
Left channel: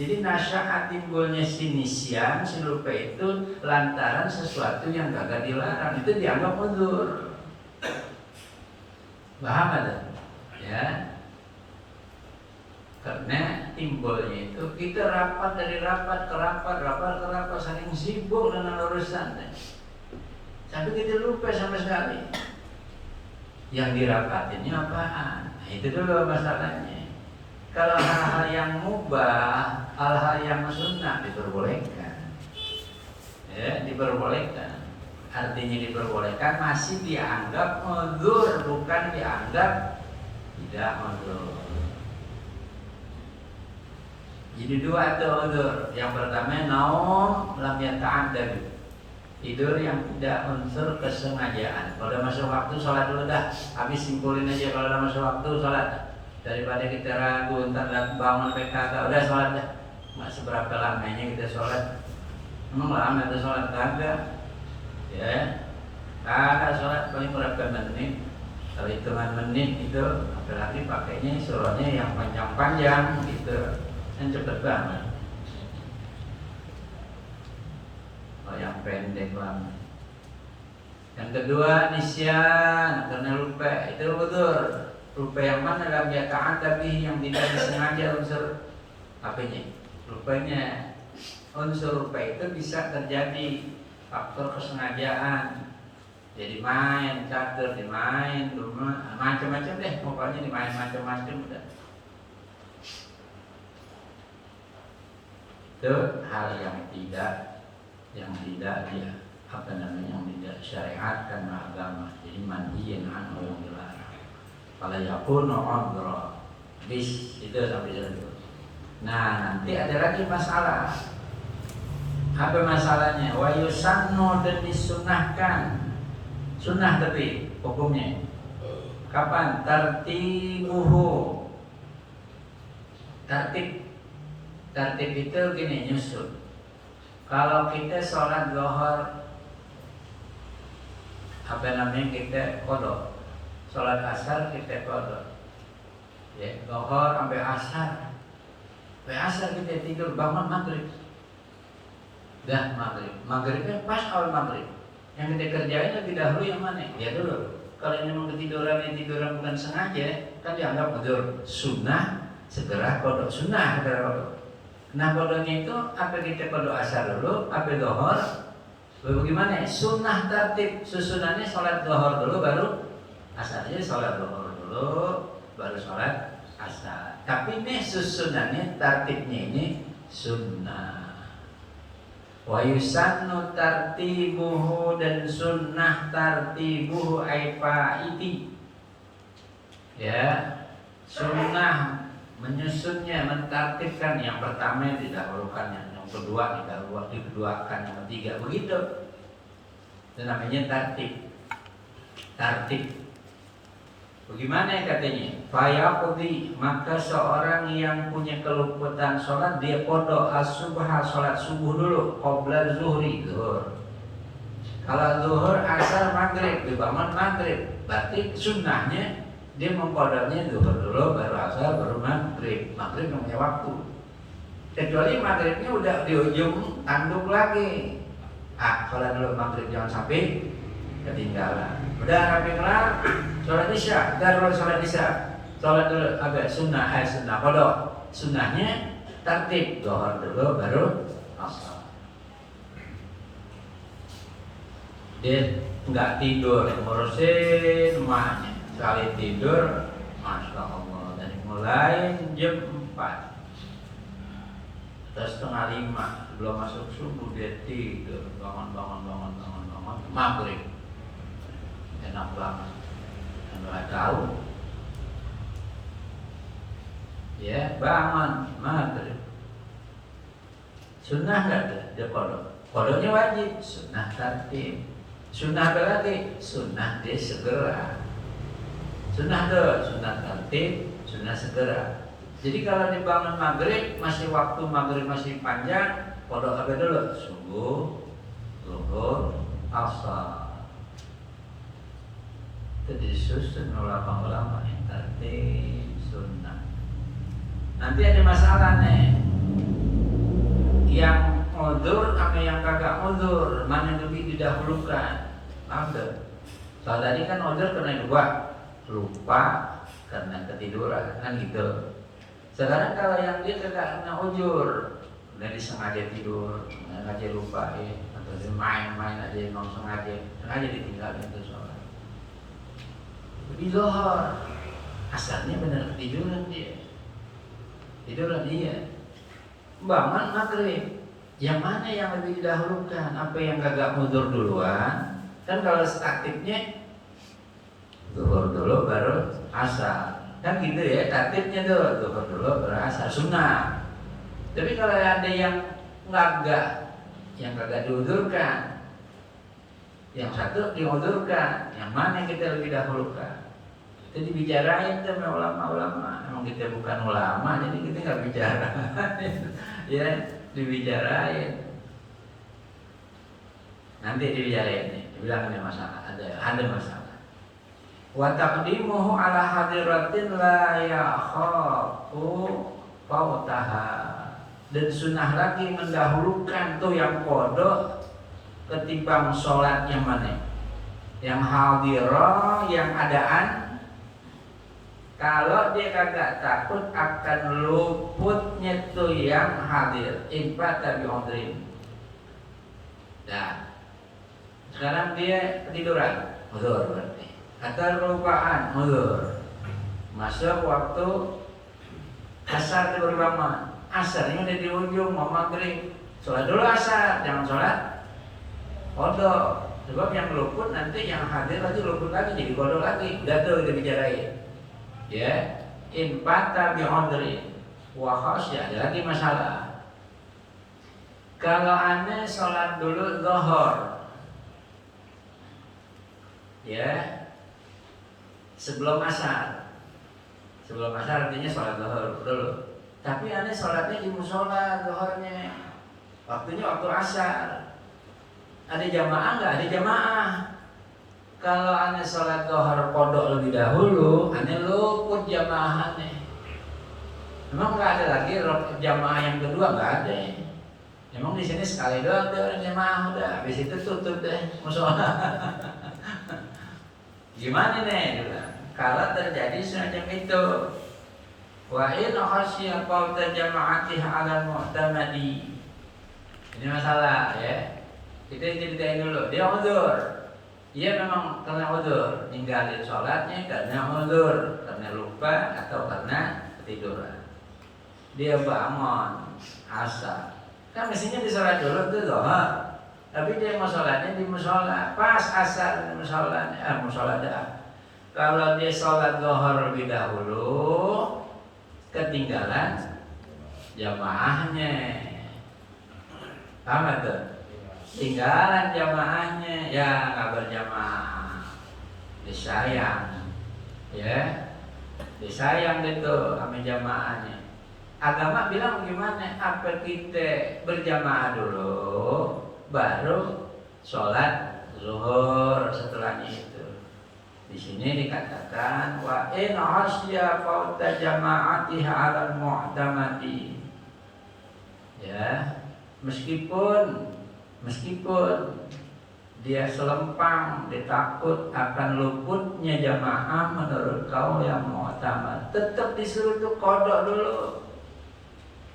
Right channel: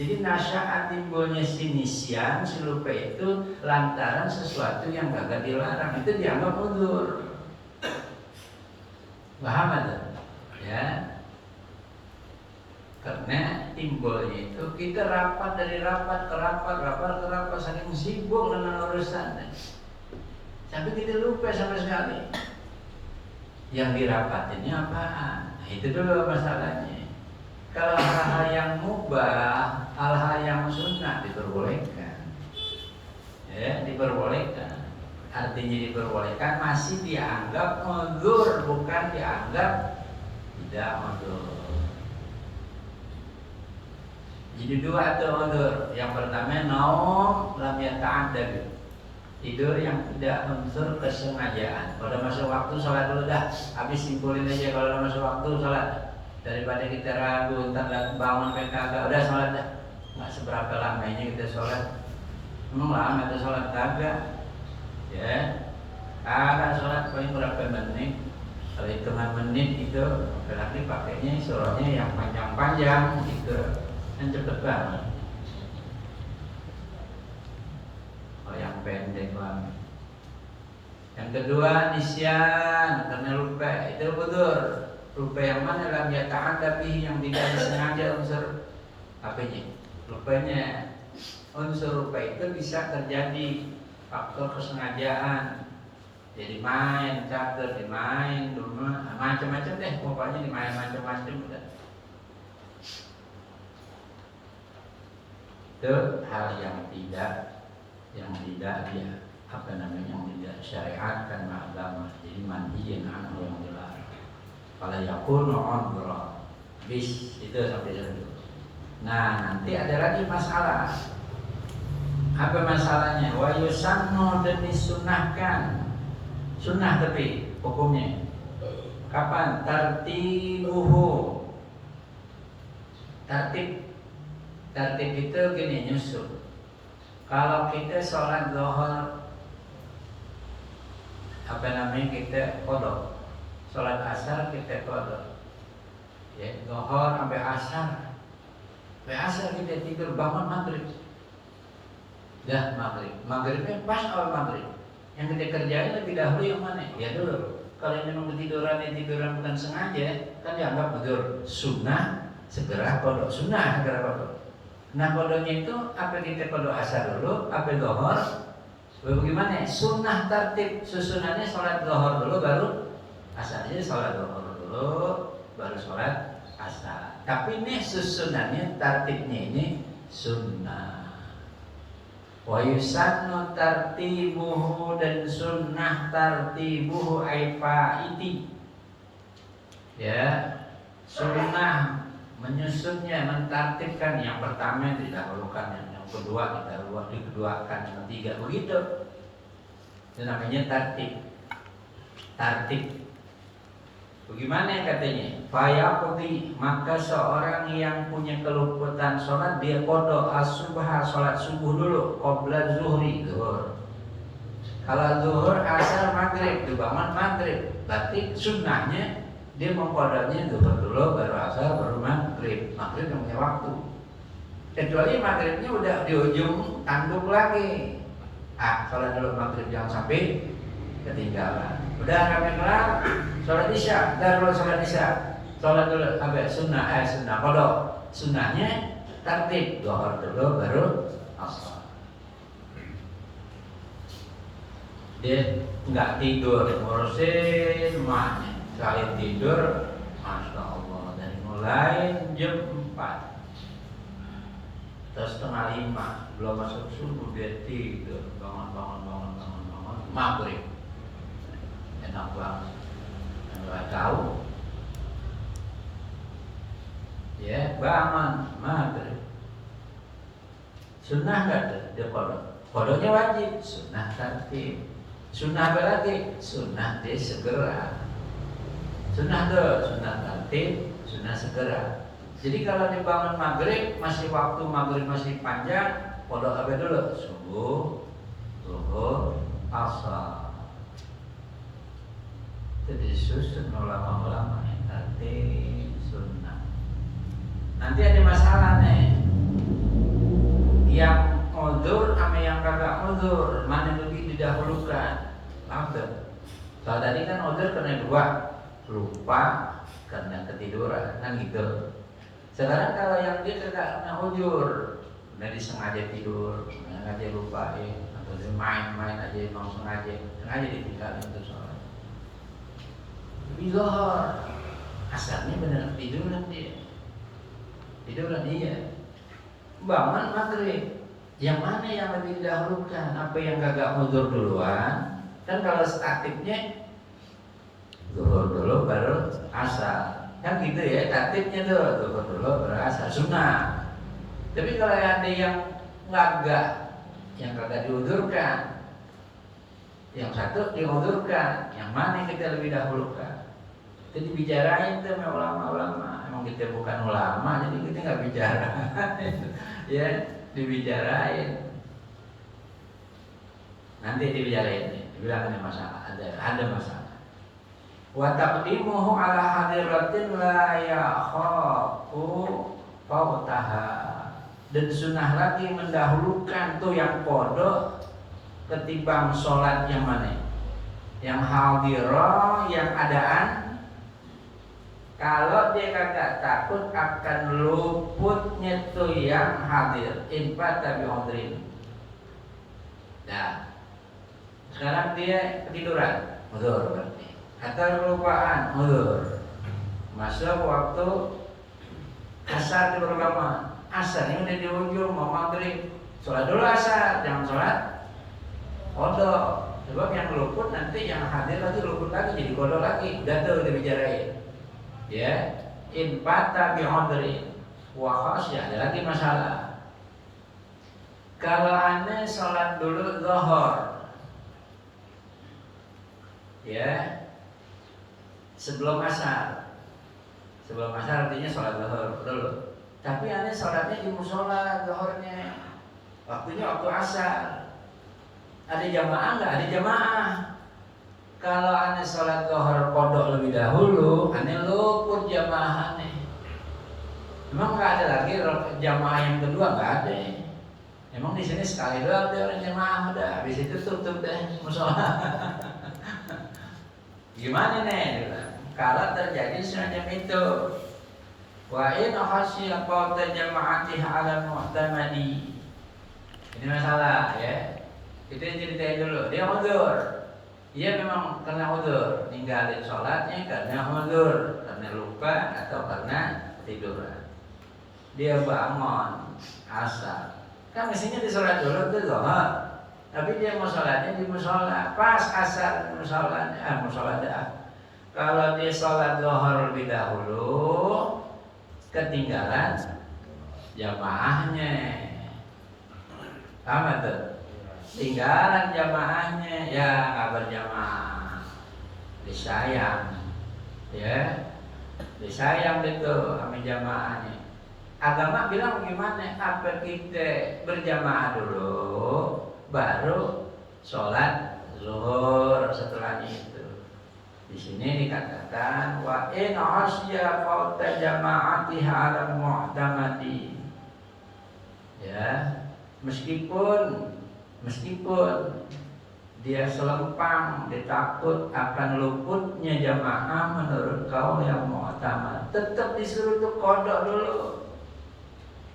Jadi nasyaat timbulnya si nisyan, si lupa itu lantaran sesuatu yang kagak dilarang, itu dianggap udhur. Paham ada? Ya. Karena timbulnya itu kita rapat dari rapat ke rapat, saking sibuk dengan urusan, sampai kita lupa sama sekali yang dirapatinnya apaan. Nah, itu dulu masalahnya. Kalau hal-hal yang mubah, hal-hal yang sunnah diperbolehkan. Ya, diperbolehkan. Artinya diperbolehkan masih dianggap uzur, bukan dianggap tidak uzur. Jadi dua tuh uzur. Yang pertama naum lam yata'addad. Tidur yang tidak unsur kesengajaan. Kalau udah masuk waktu sholat dulu dah. Habis simpulin aja kalau udah masuk waktu sholat. Daripada kita ragu entar bangun PK udah sholat dah. Nggak seberapa lamanya kita sholat. Emang lama itu sholat kagak. Ya, kagak sholat paling berapa menit. Kalau hitungan menit itu apalagi pakainya surahnya yang panjang-panjang gitu. Kan cepet banget. Kalau yang pendek lama. Yang kedua nisyan, karena lupa. Itu udzur. Lupa yang mana lam yata'addad bihi, yang tidak disengaja unsur apanya? Lupanya. Unsur lupa itu bisa terjadi faktor kesengajaan. Jadi main, catur, dimain, rumah, macam-macam deh. Pokoknya dimain macam-macam udah. Itu hal yang tidak dia apa namanya, yang tidak syariatkan agama. Jadi manhiyan anhu, yang dilarang. Fala yakunu udra. Bis itu sampai situ. Nah, nanti ada lagi masalah. Apa masalahnya? Wa yusannu, dan disunahkan. Sunnah tapi hukumnya kapan? Tartibuhu. Tertib itu gini, nyusun. Kalau kita sholat zuhur, apa namanya, kita qadha. Sholat asar kita qadha. Ya, zuhur sampai asar. Sampai asar kita tidur, bangun maghrib. Dah maghrib. Maghribnya pas awal maghrib. Yang kita kerjain lebih dahulu yang mana? Ya dulu. Kalau memang tiduran bukan sengaja, kan dianggap udzur. Sunnah segera qadha. Sunnah segera qadha. Nah qadhanya itu apa, kita qadha asar dulu, apa zuhur? Bagaimana? Sunnah tertib. Susunannya sholat zuhur dulu baru asar. Jadi sholat zuhur dulu baru sholat asar. Tapi ini susunannya, tertibnya ini sunnah. Wa yusannu tartibuhu, dan sunnah tartibuhu ay faiti. Ya, sunnah menyusunnya, mentartibkan. Yang pertama didahulukan, yang kedua dikeduakan, yang ketiga begitu. Itu namanya tartib. Bagaimana katanya? Fayaqdi, maka seorang yang punya kelupatan sholat, dia qadha as-subha, sholat subuh dulu, qabla zuhri, zuhur. Kalau zuhur, asar, maghrib, dibangun maghrib, berarti sunnahnya dia mengqadanya zuhur dulu, baru asar, baru maghrib. Maghrib yang punya waktu. Kecuali maghribnya udah di ujung tanduk lagi. Sholat dulu maghrib, jangan sampai ketinggalan. Udah sampai kelar, sholat isya, sholat isya, sholat dulu, sunnah qadha. Sunnahnya tertib, zuhur dulu baru asar. Dia nggak tidur, ngurusin emaknya. Sekali tidur, masya Allah, dari mulai jam 4 atau setengah 5 belum masuk subuh dia tidur, bangun maghrib. Enak banget, nggak tahu. Ya, bangun maghrib. Sunnah nggak dia qadha. Qadhanya wajib, sunnah tertib. Sunnah apa lagi? Sunnah dia segera. Sunnah tertib, sunnah segera. Jadi kalau dibangun maghrib, masih waktu maghrib masih panjang, qadha apa dulu? Subuh, zuhur, asar. Itu disusun ulama-ulama yang tertib sunnah. Nanti ada masalah nih, yang udzur sama yang kagak udzur, mana yang lebih didahulukan? Apa? Kalau tadi kan udzur karena dua, lupa karena ketiduran, kan gitu. Sekarang kalau yang dia kagak kena udzur, udah disengaja tidur, sengaja lupa atau dia main-main aja, mau sengaja ditinggalin itu sholat. Lebih zuhur, asarnya benar ketiduran dia. tiduran dia. Bangun maghrib, yang mana yang lebih didahulukan? Apa yang kagak mundur duluan? Kan kalau aktifnya zuhur dulu baru asar, kan gitu ya tertibnya tuh, zuhur dulu baru asar, sunnah. Tapi kalau ada yang yang kagak diundurkan, yang satu diundurkan, yang mana kita lebih dahulukan? Itu dibicarain tuh sama ulama-ulama. Emang kita bukan ulama, jadi kita nggak bicara. Ya, dibicarain. Nanti dibicarain nih, dibilang ada masalah, ada masalah. Wa taqdimuhu ala hadiratin la yakhafu fautaha. Dan sunnah lagi mendahulukan tuh yang kodok ketimbang sholat yang mana? Yang hadirah, yang adaan. Kalau dia kagak takut akan luputnya tuh yang hadir, impat tabi hodrin. Nah, sekarang dia ketiduran, udzur berarti. Atau kelupaan, udzur. Masuk waktu asar di berbangun. Asar ini udah di ujung, mau maghrib. Sholat dulu asar, jangan sholat kodok. Sebab yang luput nanti yang hadir lagi luput lagi, jadi kodok lagi. Udah tuh udah bicarain. Ya, impata bi'udrin wa khasyah. Ada lagi masalah. Kalau aneh sholat dulu zuhur, ya, sebelum asar. Sebelum asar artinya sholat zuhur dulu. Tapi aneh sholatnya di musola zuhurnya, waktunya waktu asar. Ada jamaah nggak? Ada jamaah. Kalau aneh sholat zuhur kodok lebih dahulu, aneh luput jamaah aneh. Memang nggak ada lagi jamaah yang kedua, nggak ada. Memang di sini sekali doang deh orang jamaah, udah habis itu tutup deh musola. Gimana nih? Kalau terjadi semacam itu, wa in khasya fawta jama'atiha 'ala mu'tamadi. Ini masalah ya. Kita ceritain dulu. Dia udzur. Ia memang karena udzur, ninggalin sholatnya karena udzur, karena lupa atau karena ketiduran. Dia bangun asar, kan mestinya di sholat dulu tuh zuhur, tapi dia mau sholatnya di musola, pas asar di musola, musola dah. Kalau dia sholat zuhur lebih dahulu, ketinggalan jamaahnya, paham tuh? Tinggalan jamaahnya, ya nggak berjamaah, disayang, ya, disayang itu sama jamaahnya. Agama bilang bagaimana? Apa kita berjamaah dulu, baru sholat zuhur setelahnya itu. Di sini dikatakan wa in asya fauta jama'atiha 'alal mu'tamadi. Ya, meskipun dia selempang, dia takut akan luputnya jamaah menurut kaum yang mu'tamad, tetap disuruh tuh kodok dulu.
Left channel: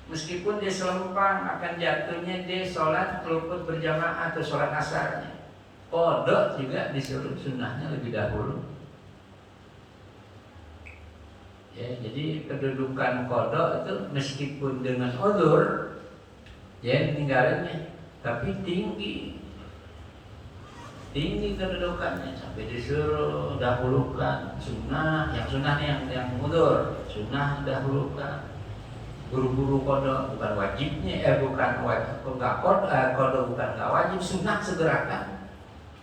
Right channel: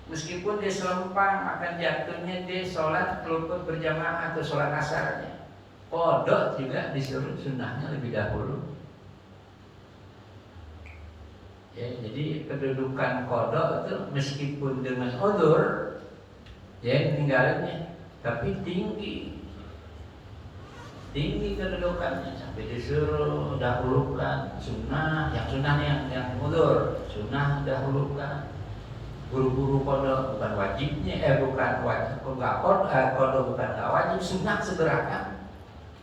Meskipun dia selempang akan jatuhnya dia sholat luput berjamaah atau sholat asarnya, kodok juga disuruh, sunnahnya lebih dahulu. Ya, jadi kedudukan kodok itu meskipun dengan udzur, ya ninggalinnya, tapi tinggi kedudukannya sampai disuruh dahulukan sunnah. Yang sunnah yang udzur, sunnah dahulukan. Buru-buru kodok bukan wajibnya, bukan wajib, kodok bukan nggak wajib, sunnah segerakan.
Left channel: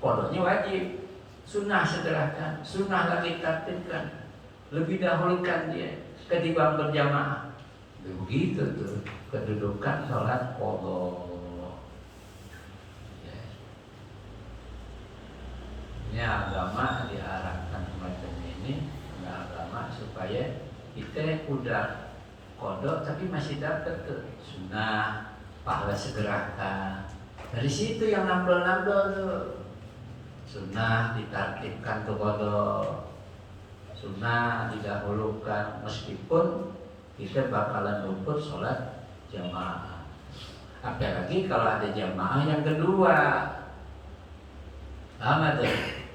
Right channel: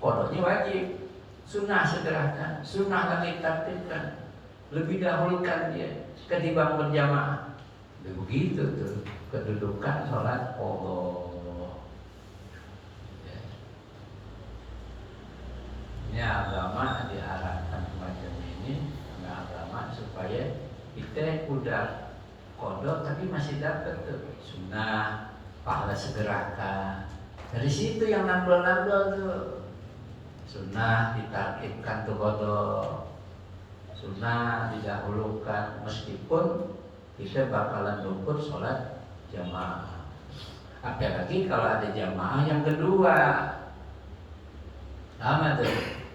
Kodoknya wajib, sunnah segerakan, sunnah lagi tertibkan, lebih dahulukan dia ketimbang berjamaah. Begitu tuh kedudukan sholat kodok. Ini agama diarahkan semacam ini, agama supaya kita udah kodok tapi masih dapat tuh sunnah, pahala segerakan. Dari situ yang nambel-nambel tuh sunnah ditartibkan tuh kodok, sunnah didahulukan meskipun kita bakalan luput sholat jamaah. Apalagi kalau ada jamaah yang kedua, sama tuh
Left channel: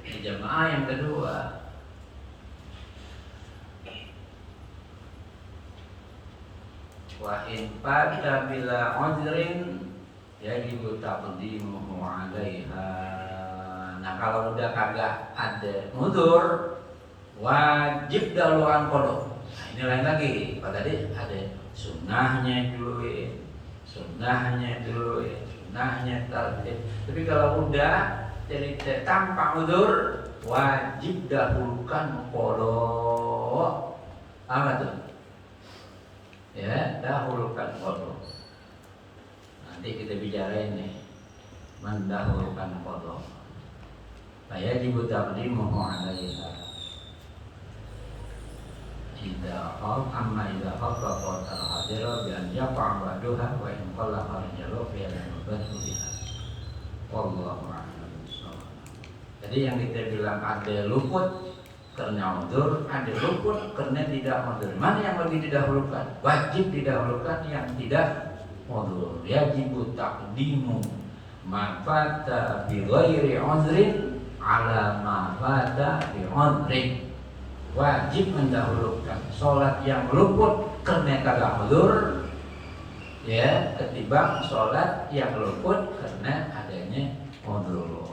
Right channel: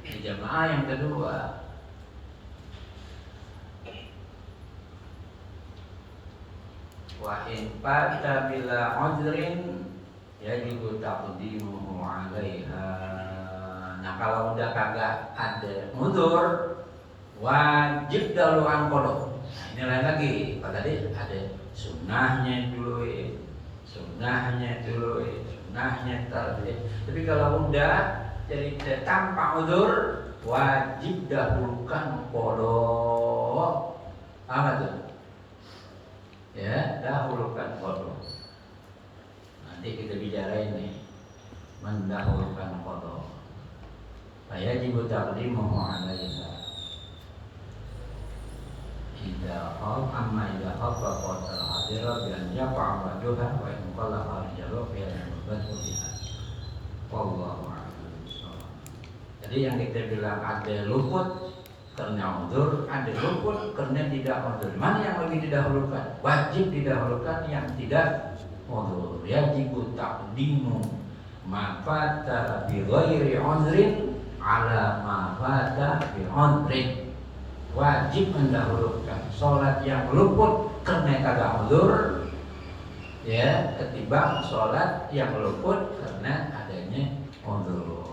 jamaah yang kedua. Wa in fata bila udhrin yajibu taqdimuhu 'alaiha. Nah, kalau udah kagak ada udzur, wajib dahuluan qada. Nah, ini lain lagi. Kalau tadi ada sunnahnya dulu, sunnahnya tartib. Tapi kalau udah jadi tanpa udzur, wajib dahulukan qada. Apa tuh? Ya, dahulukan qada. Nanti kita bicara ini mendahulukan qada. Fayajibu taqdimuhu 'alaiha. Idza khafafa al-hadira bi an yaqa ba'daha wa in qalla al-jalu fi al-mubadu biha. Wallahu a'lam. Jadi yang kita bilang ada luput karena udzur, ada luput karena tidak udzur. Mana yang lebih didahulukan? Wajib didahulukan yang tidak udzur. Yajibu taqdimu ma fata bi ghairi udzrin ala ma fata bi udzrin. Wajib mendahulukan sholat yang luput karena kagak udzur, ya, ketimbang sholat yang luput karena adanya udzur.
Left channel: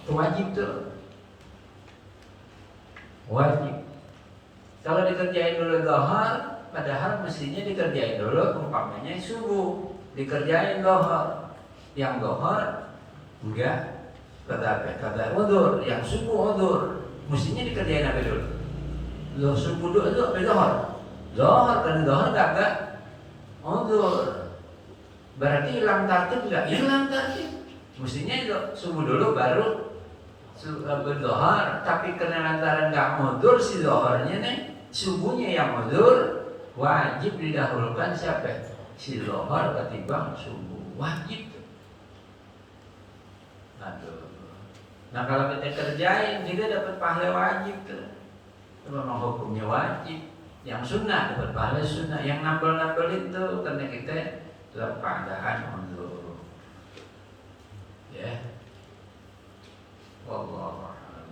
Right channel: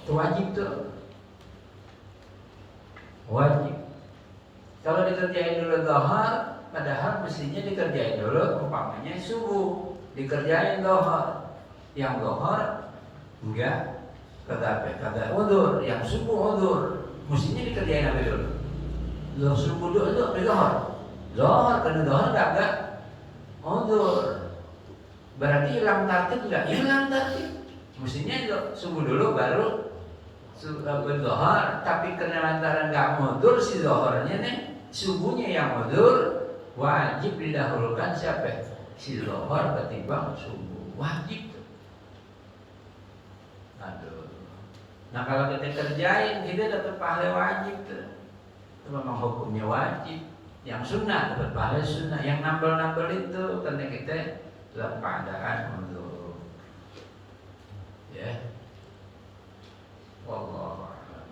Itu wajib tuh. Wajib. Kalau dikerjain dulu zuhur, padahal mestinya dikerjain dulu umpamanya subuh, dikerjain zuhur. Yang zuhur enggak kagak udzur, yang subuh udzur. Mestinya dikerjain apa dulu? Subuh dulu itu apa zuhur? Zuhur, karena zuhur kagak udzur. Berarti hilang tartib enggak? Hilang tartib. Mestinya itu subuh dulu baru berzuhur, tapi karena lantaran nggak udzur si zuhurnya nih, subuhnya yang udzur, wajib didahulukan siapa? Si zuhur ketimbang subuh, wajib. Aduh. Nah, kalau kita kerjain kita dapat pahala wajib tuh. Itu memang hukumnya wajib. Yang sunnah dapat pahala sunnah, yang nambel itu karena kita dalam keadaan udzur. Ya. Wallahu a'lam.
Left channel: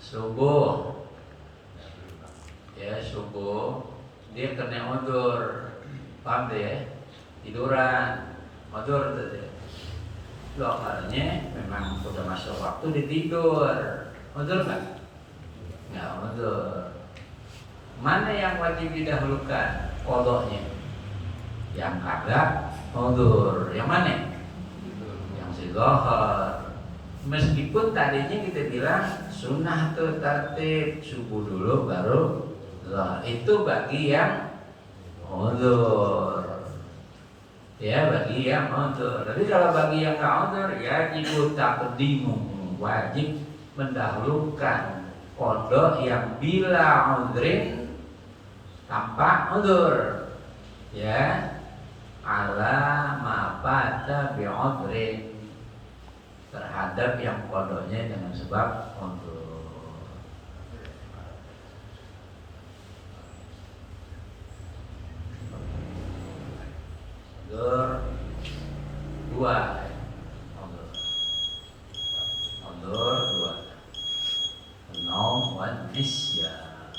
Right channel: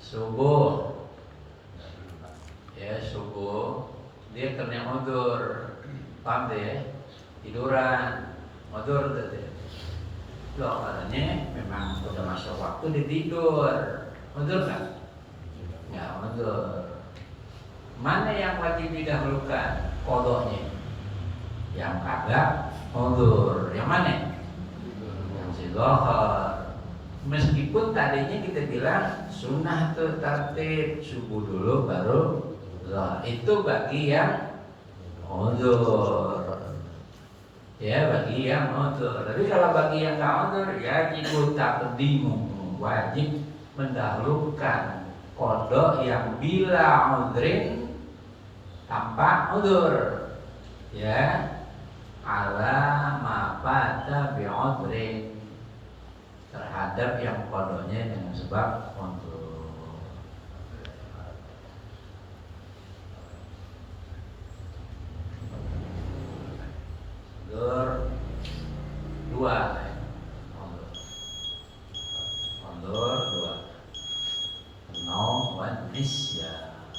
Subuh, ya subuh, dia kena udzur, paham deh? Tiduran, udzur tuh. Lokalnya memang sudah masuk waktu ditidur, udzur nggak? Nggak udzur. Mana yang wajib didahulukan? Qadanya. Yang kagak udzur. Yang mana? Yang si zuhur. Meskipun tadinya kita bilang sunnah tuh tartib, subuh dulu baru zuhur. Itu bagi yang udzur. Ya, bagi yang udzur. Tapi kalau bagi yang enggak udzur, ya wajib taqdimu, wajib mendahulukan qada yang bila udzrin, tanpa udzur, ya, ala ma fata bi udzrin, terhadap yang qadanya dengan sebab udzur. Udzur dua, udzur dua, naum wan nisyan.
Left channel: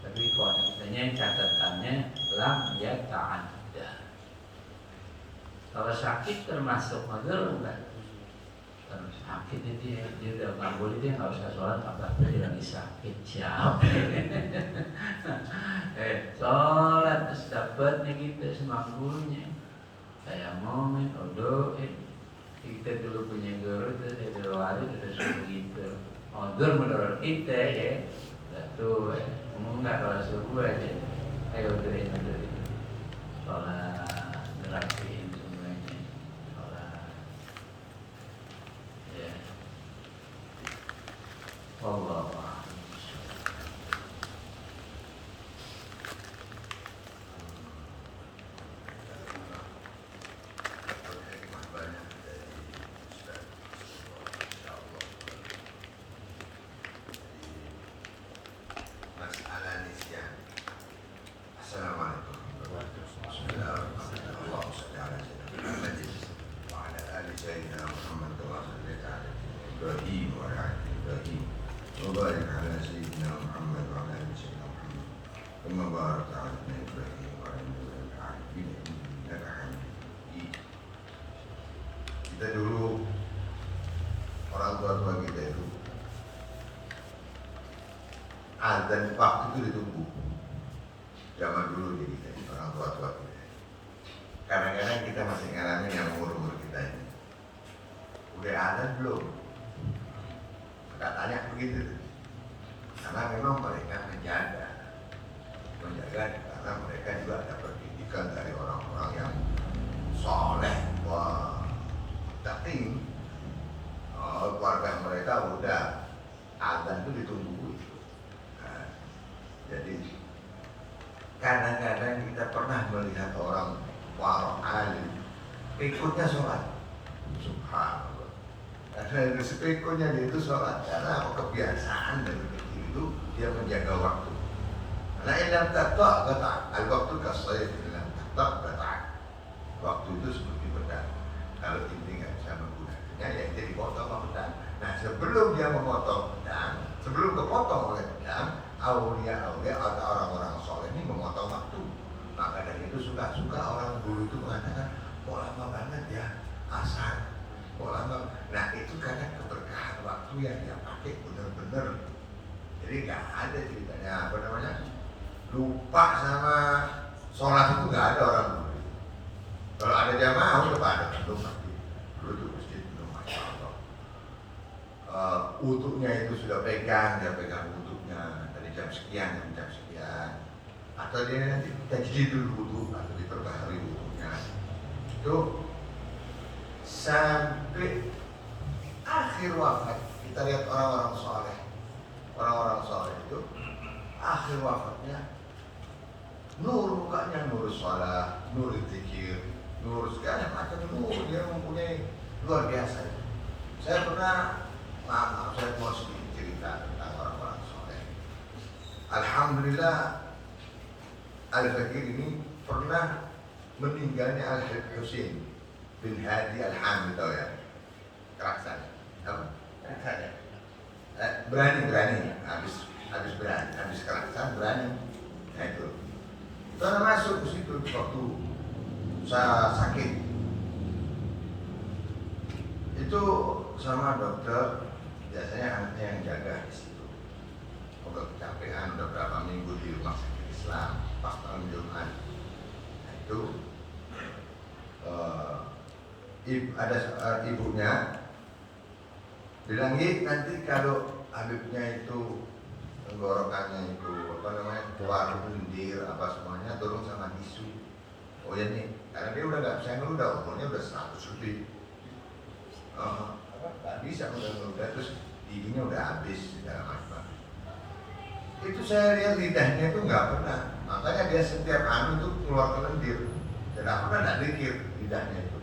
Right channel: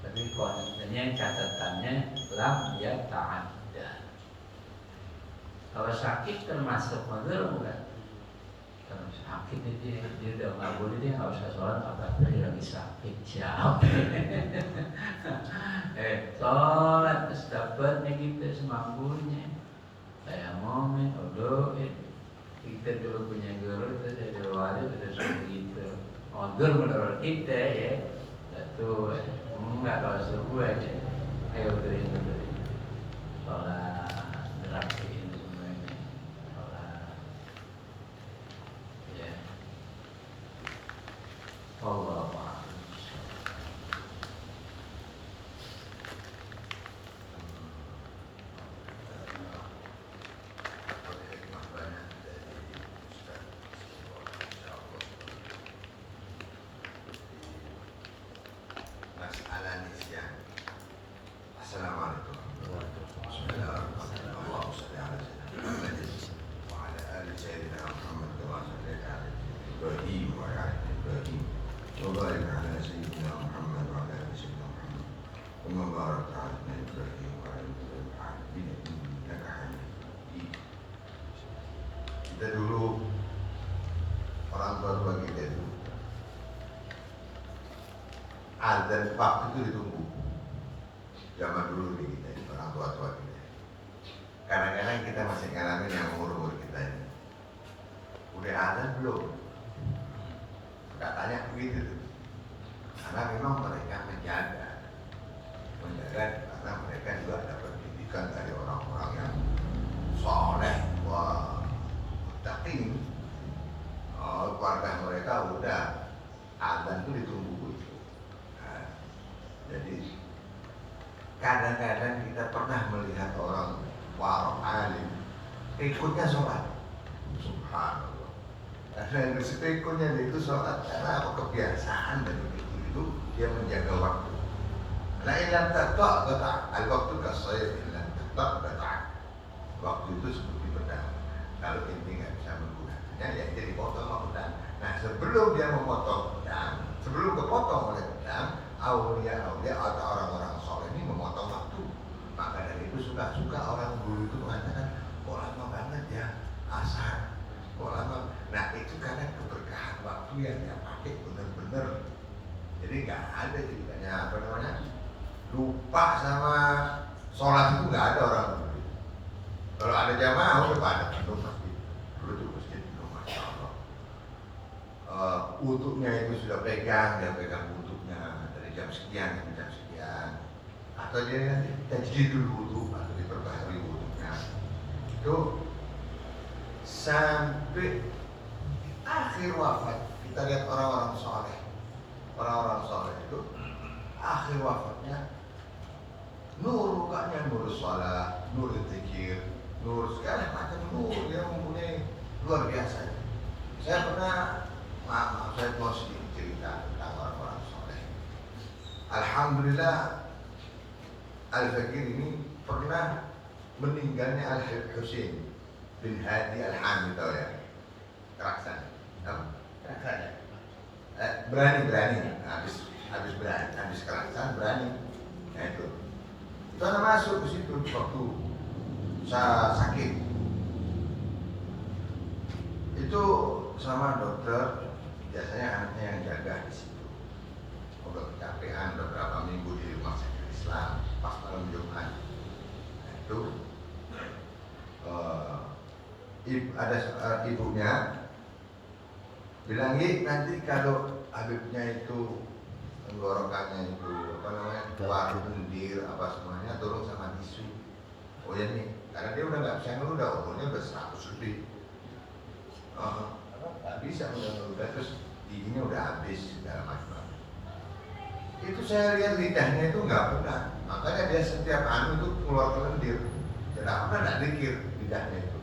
Tapi kontennya catatannya lam ya ta'adda. Kalau sakit termasuk udzur bukan? Kalau sakit itu dia udah mabul, dia nggak usah sholat apa dia lagi sakit siapa? Sholat terus dapatnya kita semampunya. Saya momen, kita dulu punya guru itu saya diwali terus begitu. Udzur menurut kita ya, betul. Enggak, kalau subuh aja ayo udurin sholat, ngerapiin semuanya sholat, ya. Wallahu a'lam. Mas Alanis ya. Assalamualaikum. Kita dulu orang tua kita itu azan waktu itu ditunggu. Zaman dulu nih kita orang tua kita. Kadang-kadang kita masih ngalamin yang umur kita ini. Udah azan belum? Katanya begitu. Karena memang mereka menjaga karena mereka juga ada pendidikan dari orang-orang yang soleh, tapi keluarga mereka udah azan itu ditunggu. Nah, jadi kadang-kadang kita pernah melihat orang warok alim ikutnya sholat, subhanallah. Karena sepikonya dia itu sholat karena kebiasaan dari kecil itu dia menjaga waktu. La ilam taqta' qata' al-waqtu kas-sayf ilam taqta' qata'. Waktu itu seperti pedang. Kalau inti nggak bisa menggunakannya, ya jadi potong sama pedang. Nah, sebelum dia memotong pedang, sebelum kepotong oleh pedang, aulia atau orang-orang soleh ini memotong waktu. Maka dari itu suka-suka orang dulu itu mengatakan, oh lama banget ya asar, oh lama. Nah itu karena keberkahan waktu yang dia pakai benar-benar. Jadi nggak ada ceritanya apa namanya lupa sama sholat itu nggak ada orang dulu. Kalau ada jamaah udah pada penuh masjid. Dulu tuh masjid penuh, masya Allah. Wudhunya itu sudah dia pegang wudhunya dari jam sekian sampai jam sekian. Atau dia nanti tajdid dulu wudhu atau diperbaharui wudhunya. Itu sampai akhir wafat kita lihat orang-orang soleh itu akhir wafatnya nur mukanya, nur sholat, nur zikir, nur segala macam nur dia mempunyai luar biasa. Saya pernah saya mau sedikit cerita tentang orang-orang soleh. Alhamdulillah Al-Fakir ini pernah meninggalnya Al-Husain bin Hadi Al-Hamid, tahu ya? Keraksan, keraksan. Berani, habis keraksan berani. Nah itu. Karena masuk ke situ waktu saya sakit. Itu sama dokter, biasanya anaknya yang jaga di situ. Udah kecapean, udah berapa minggu di rumah sakit Islam, pas malam Jumat. Nah, itu ada ibunya bilang, nanti kalau Habibnya itu tenggorokannya itu apa namanya keluar lendir apa semuanya tolong sama tisu. Oh ya nih, karena dia udah nggak bisa ngeludah, umurnya udah 100 lebih. Nggak bisa ngeludah, terus giginya udah habis segala macam. Itu saya lihat lidahnya itu nggak pernah, makanya dia setiap itu keluar lendir, tidak pernah nggak dikir lidahnya itu.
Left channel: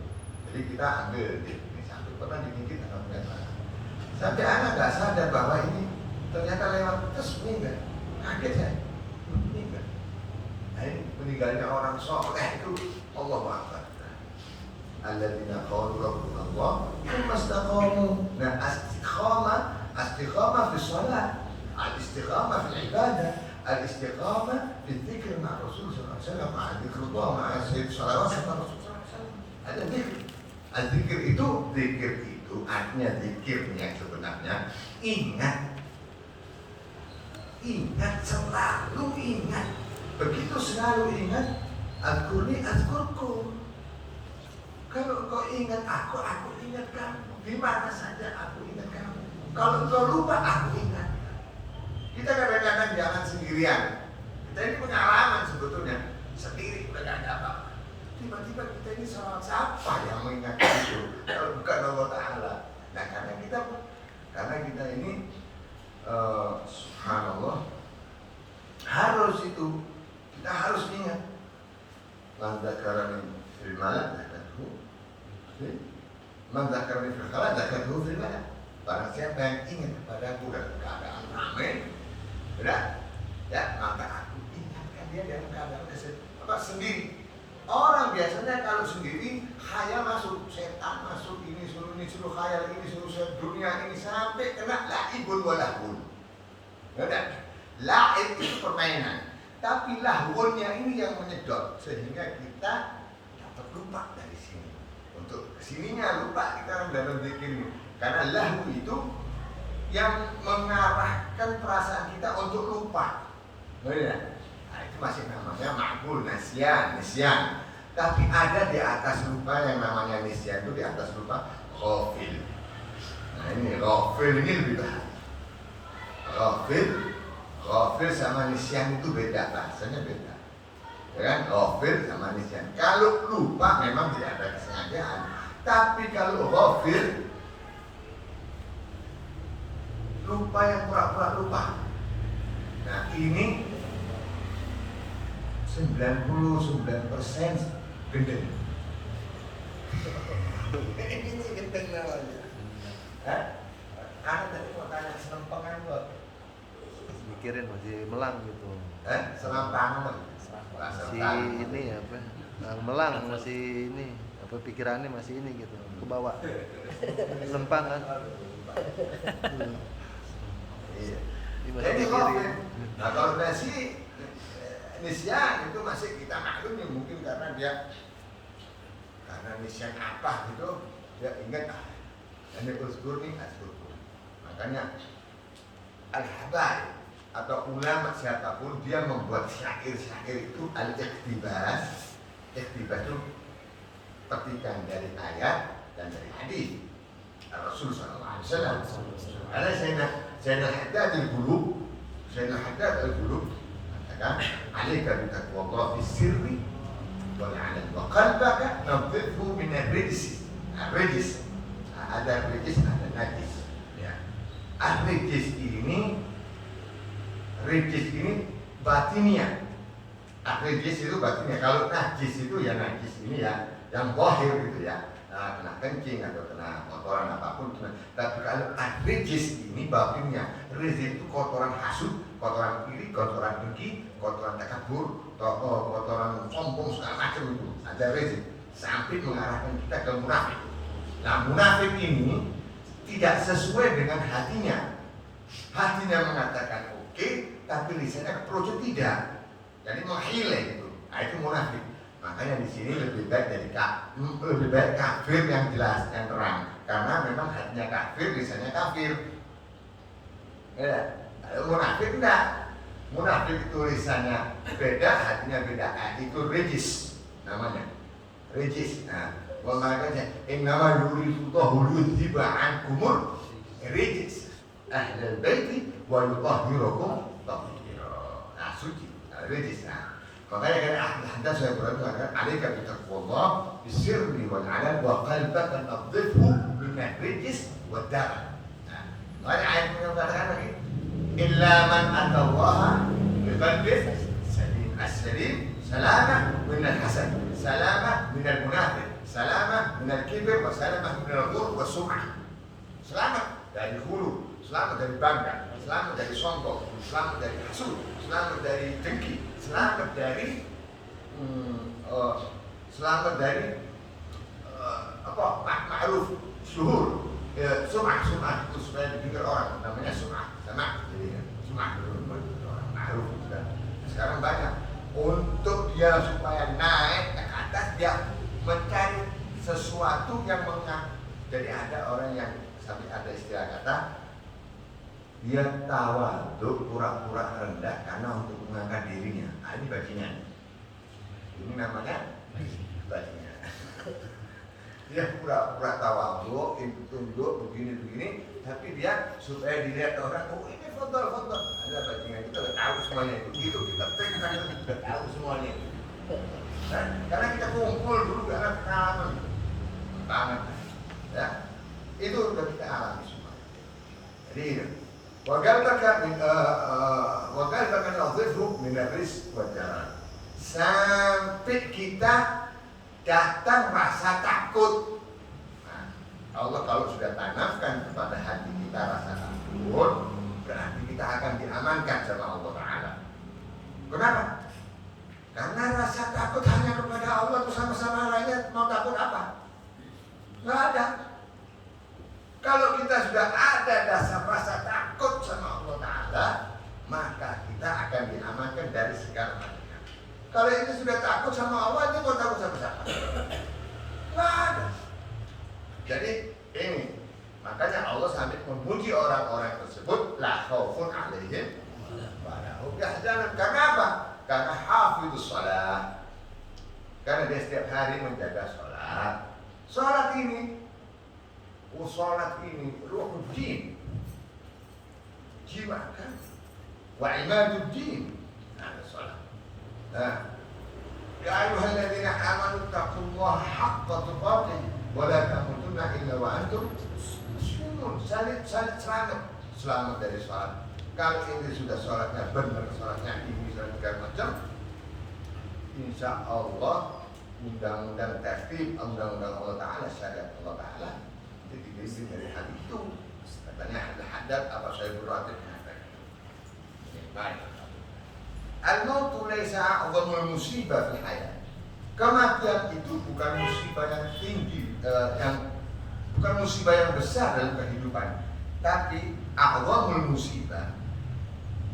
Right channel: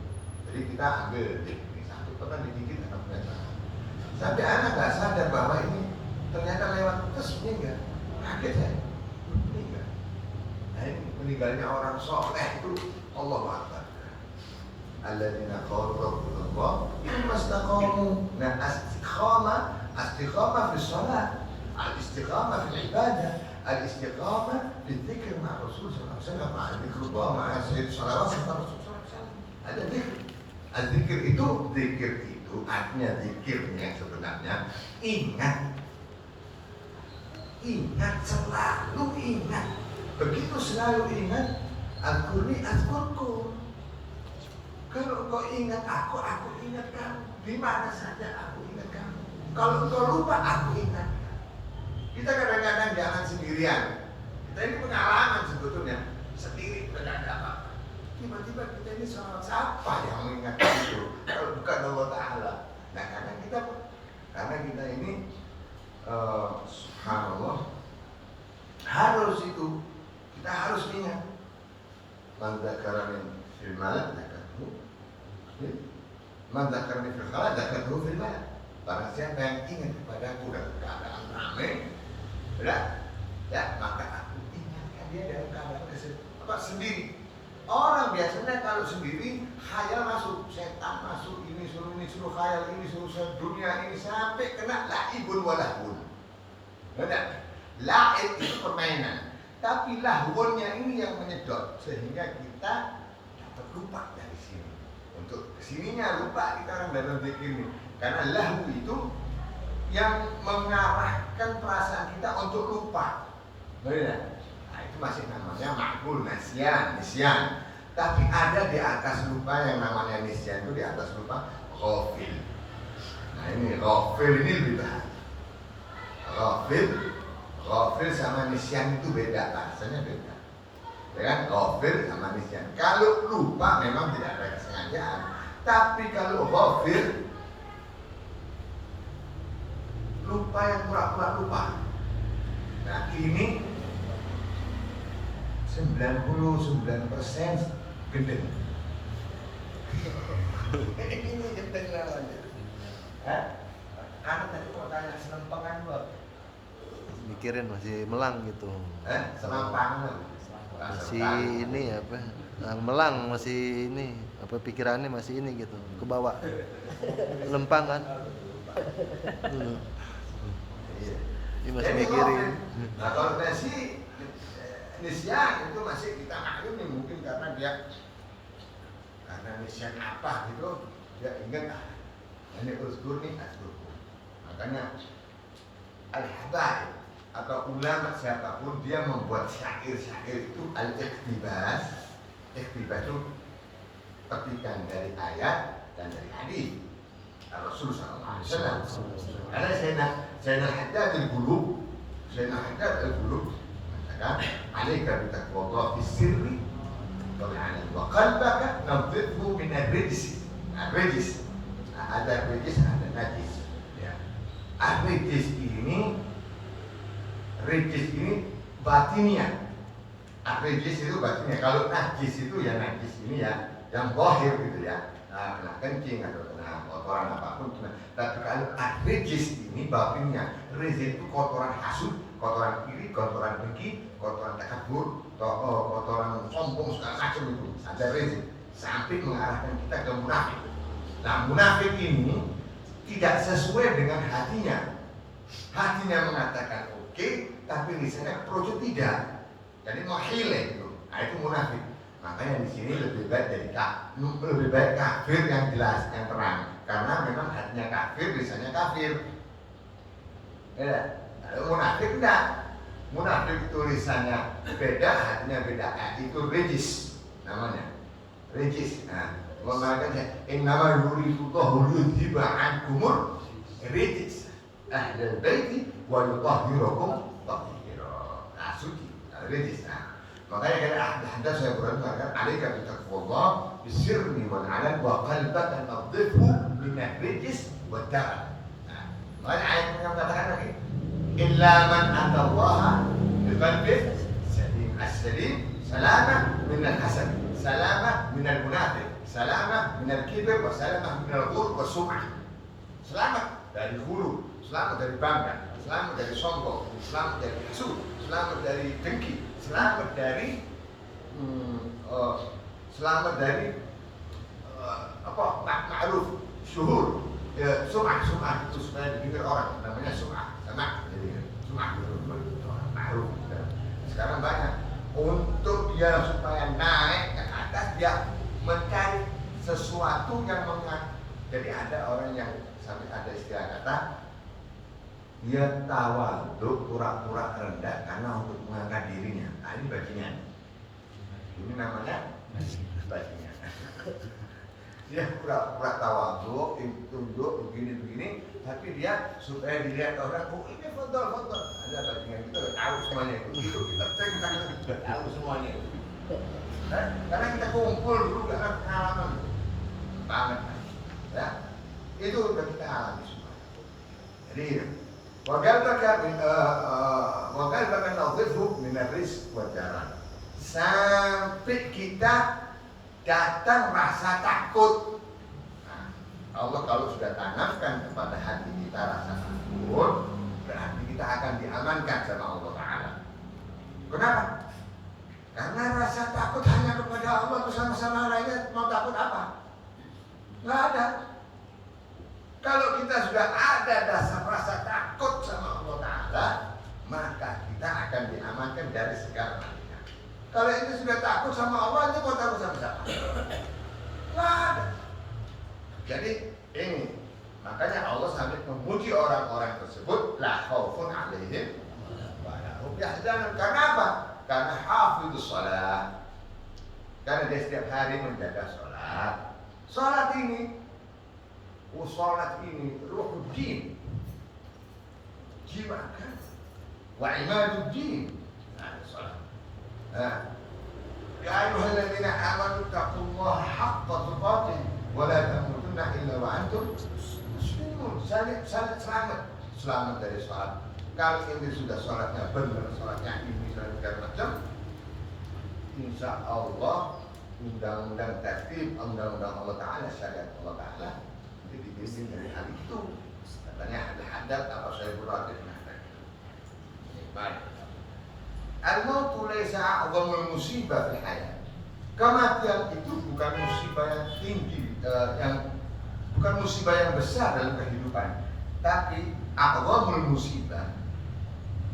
Jadi kita ambil ini satu pernah digigit anaknya sana. Sampai anak nggak sadar bahwa ini ternyata lewat terus meninggal. Kaget saya, meninggal. Nah ini meninggalnya orang soleh itu Allahu Akbar. Alladzina qalu rabbuna Allah thumma istaqamu. Nah istiqamah fi shalat, al-istiqamah fi ibadah, al-istiqamah fi dzikr ma'a Rasul sallallahu alaihi wasallam, ma'a dzikrullah, ma'a sayyid shalawat sama Rasul sallallahu alaihi wasallam. Ada dzikr. Zikir itu artinya zikirnya sebenarnya ingat, selalu ingat. Begitu selalu ingat, azkurni azkurkum. Kalau kau ingat aku ingat kamu. Di mana saja aku ingat kamu. Kalau kau lupa, aku ingat. Kita kadang-kadang jangan sendirian. Kita ini pengalaman sebetulnya. Sendiri udah gak ada apa-apa. Tiba-tiba kita ini sama siapa yang mengingat itu? Kalau bukan Allah Ta'ala. Nah karena kita ini subhanallah harus itu, kita harus ingat. Man dzakarani fil malak dzakatuhu, man dzakarani fil khala dzakatuhu fil malak. Barang siapa yang ingat kepadaku dalam keadaan ramai, ya maka aku ingatkan dia dalam keadaan sendiri. Orang biasanya kalau sendiri khayal masuk, setan masuk, ini suruh khayal, ini suruh dunia ini sampai kena la'ibun walahun. La'ib itu permainan, tapi lahunnya ini yang menyedot sehingga kita dapat lupa dari sini. Untuk kesininya lupa kita orang dalam zikir ini. Karena lahu itu yang mengarahkan perasaan kita untuk lupa. Benar? Nah, itu masih namanya ma'kul, nisyan. Tapi ada di atas lupa yang namanya nisyan, itu di atas lupa ghafil. Nah ini ghafil ini lebih bahaya. Ghafil sama nisyan itu beda, bahasanya beda. Ya kan? Ghafil sama nisyan. Kalau lupa memang tidak ada kesengajaan. Tapi kalau ghafil, lupa yang pura-pura lupa. Nah ini 99% gendeng. Ini gendeng namanya. Anak tadi mau tanya selempangan buat. Mikirin masih melang gitu. Selempangan. Si ini apa? Melang masih ini apa pikirannya masih ini gitu ke bawah. Lempang kan. Iya. Ini masih Jadi mikirin. nah kalau nasi nisyan itu masih kita maklum ya, mungkin karena nisyan apa gitu dia ingat ini uzkurni azkurkum. Makanya al-habaib atau ulama siapapun dia membuat syair-syair itu al-iqtibas. Iqtibas itu petikan dari ayat dan dari hadis Rasul sallallahu alaihi wasallam. Karena Sayyidina Al-Haddad al-Qulub mengatakan alaika bi taqwallah fi sirri wal 'alan wa qalbaka nadhifhu min ar-rijs. Ar-rijs ada rijis ada najis. Ya. Ar-rijis ini batinnya. Ar-rijis itu batinnya. Kalau najis itu ya najis ini ya yang zahir gitu ya. Nah, kena kencing atau kena kotoran apapun. Tapi kalau ar-rijis ini batinnya. Rijis itu kotoran hasud, kotoran iri, kotoran dengki, kotoran takabur, kotoran sombong segala macam itu. Ada rijis sampai mengarahkan kita ke munafik. Nah, munafik ini tidak sesuai dengan hatinya. Hatinya mengatakan oke, tapi lisannya keprojo tidak. Jadi menghile itu. Nah, itu munafik. Makanya di sini lebih baik kafir yang jelas, yang terang. Karena memang hatinya kafir, lisannya kafir. Ya, munafik enggak. Munafik itu lisannya beda, hatinya beda. Itu rijis namanya. Rijis. Nah, makanya innama yuridullahu liyudhiba ankumul rijis ahlal baiti wa yutahhirakum tathira. Nah, suci, rijis. Nah, makanya kan Al-Haddad saya berkata alaika bi taqwallah bisirri wal 'alan wa qalbaka nadhifhu min ar-rijis wad darar. Nah, makanya ayat yang mengatakan lagi illa man atallaha bi qalbin salim. As-salim salamah min al-hasad, salamah min al-munafiq, salamah minal kibir wa salamah minal ghurur wa sum'ah. Selamat dari hulu, selamat dari bangga, selamat dari sombong, selamat dari hasud, selamat dari dengki, selamat dari ma'ruf, syuhur, sum'ah itu supaya dipikir orang, namanya sum'ah, sama jadi sum'ah orang ma'ruf. Sekarang banyak untuk dia supaya naik ke atas dia mencari sesuatu yang jadi ada orang yang sampai ada istilah kata dia tawadhu pura-pura rendah karena untuk mengangkat dirinya. Nah, ini bajingan. Ini namanya bajingan. Dia pura-pura tawadhu, tunduk begini, tapi dia supaya dilihat orang, oh ini foto. Ada bajingan kita tahu semuanya itu. Kita tahu semuanya itu. Nah, karena kita kumpul dulu karena pengalaman banget, ya itu udah kita alami semua. Jadi wagal bahkan nazifhu min ar-rizq wa jaran sampai kita datang rasa takut. Nah, Allah kalau sudah tanamkan kepada hati kita rasa takut, berarti kita akan diamankan sama Allah Ta'ala. Kenapa? Karena rasa takut hanya kepada Allah, bersama-sama lainnya mau takut apa? Nggak ada. Kalau kita sudah ada dasar rasa takut sama Allah Ta'ala, maka kita akan diamankan dari segala macam. Kalau itu sudah takut sama Allah, itu mau takut sama siapa? Nggak ada. Jadi ini makanya Allah sampai memuji orang-orang tersebut la khaufun alaihim wa la hum yahzanun. Karena apa? Karena hafidzus shalah. Karena dia setiap hari menjaga sholat. Sholat ini ruhuddin, jiwa kan, wa imaduddin. Nah, sholat. Ya ayyuhalladzina amanu taqullaha haqqa tuqatih wa la tamutunna illa wa antum muslimun. Selamat dari sholat. Kalau ini sudah sholatnya benar, sholatnya ini segala macam, insya Allah undang-undang tertib, undang-undang Allah Ta'ala, syariat Allah Ta'ala itu dibimbing dari hal itu. Katanya ada hadap apa saya berarti baik. Al-mautu laisa a'zamul musibah fil hayat. Kematian itu bukan musibah yang tinggi, bukan musibah yang besar dalam kehidupan, tapi a'zamul musibah,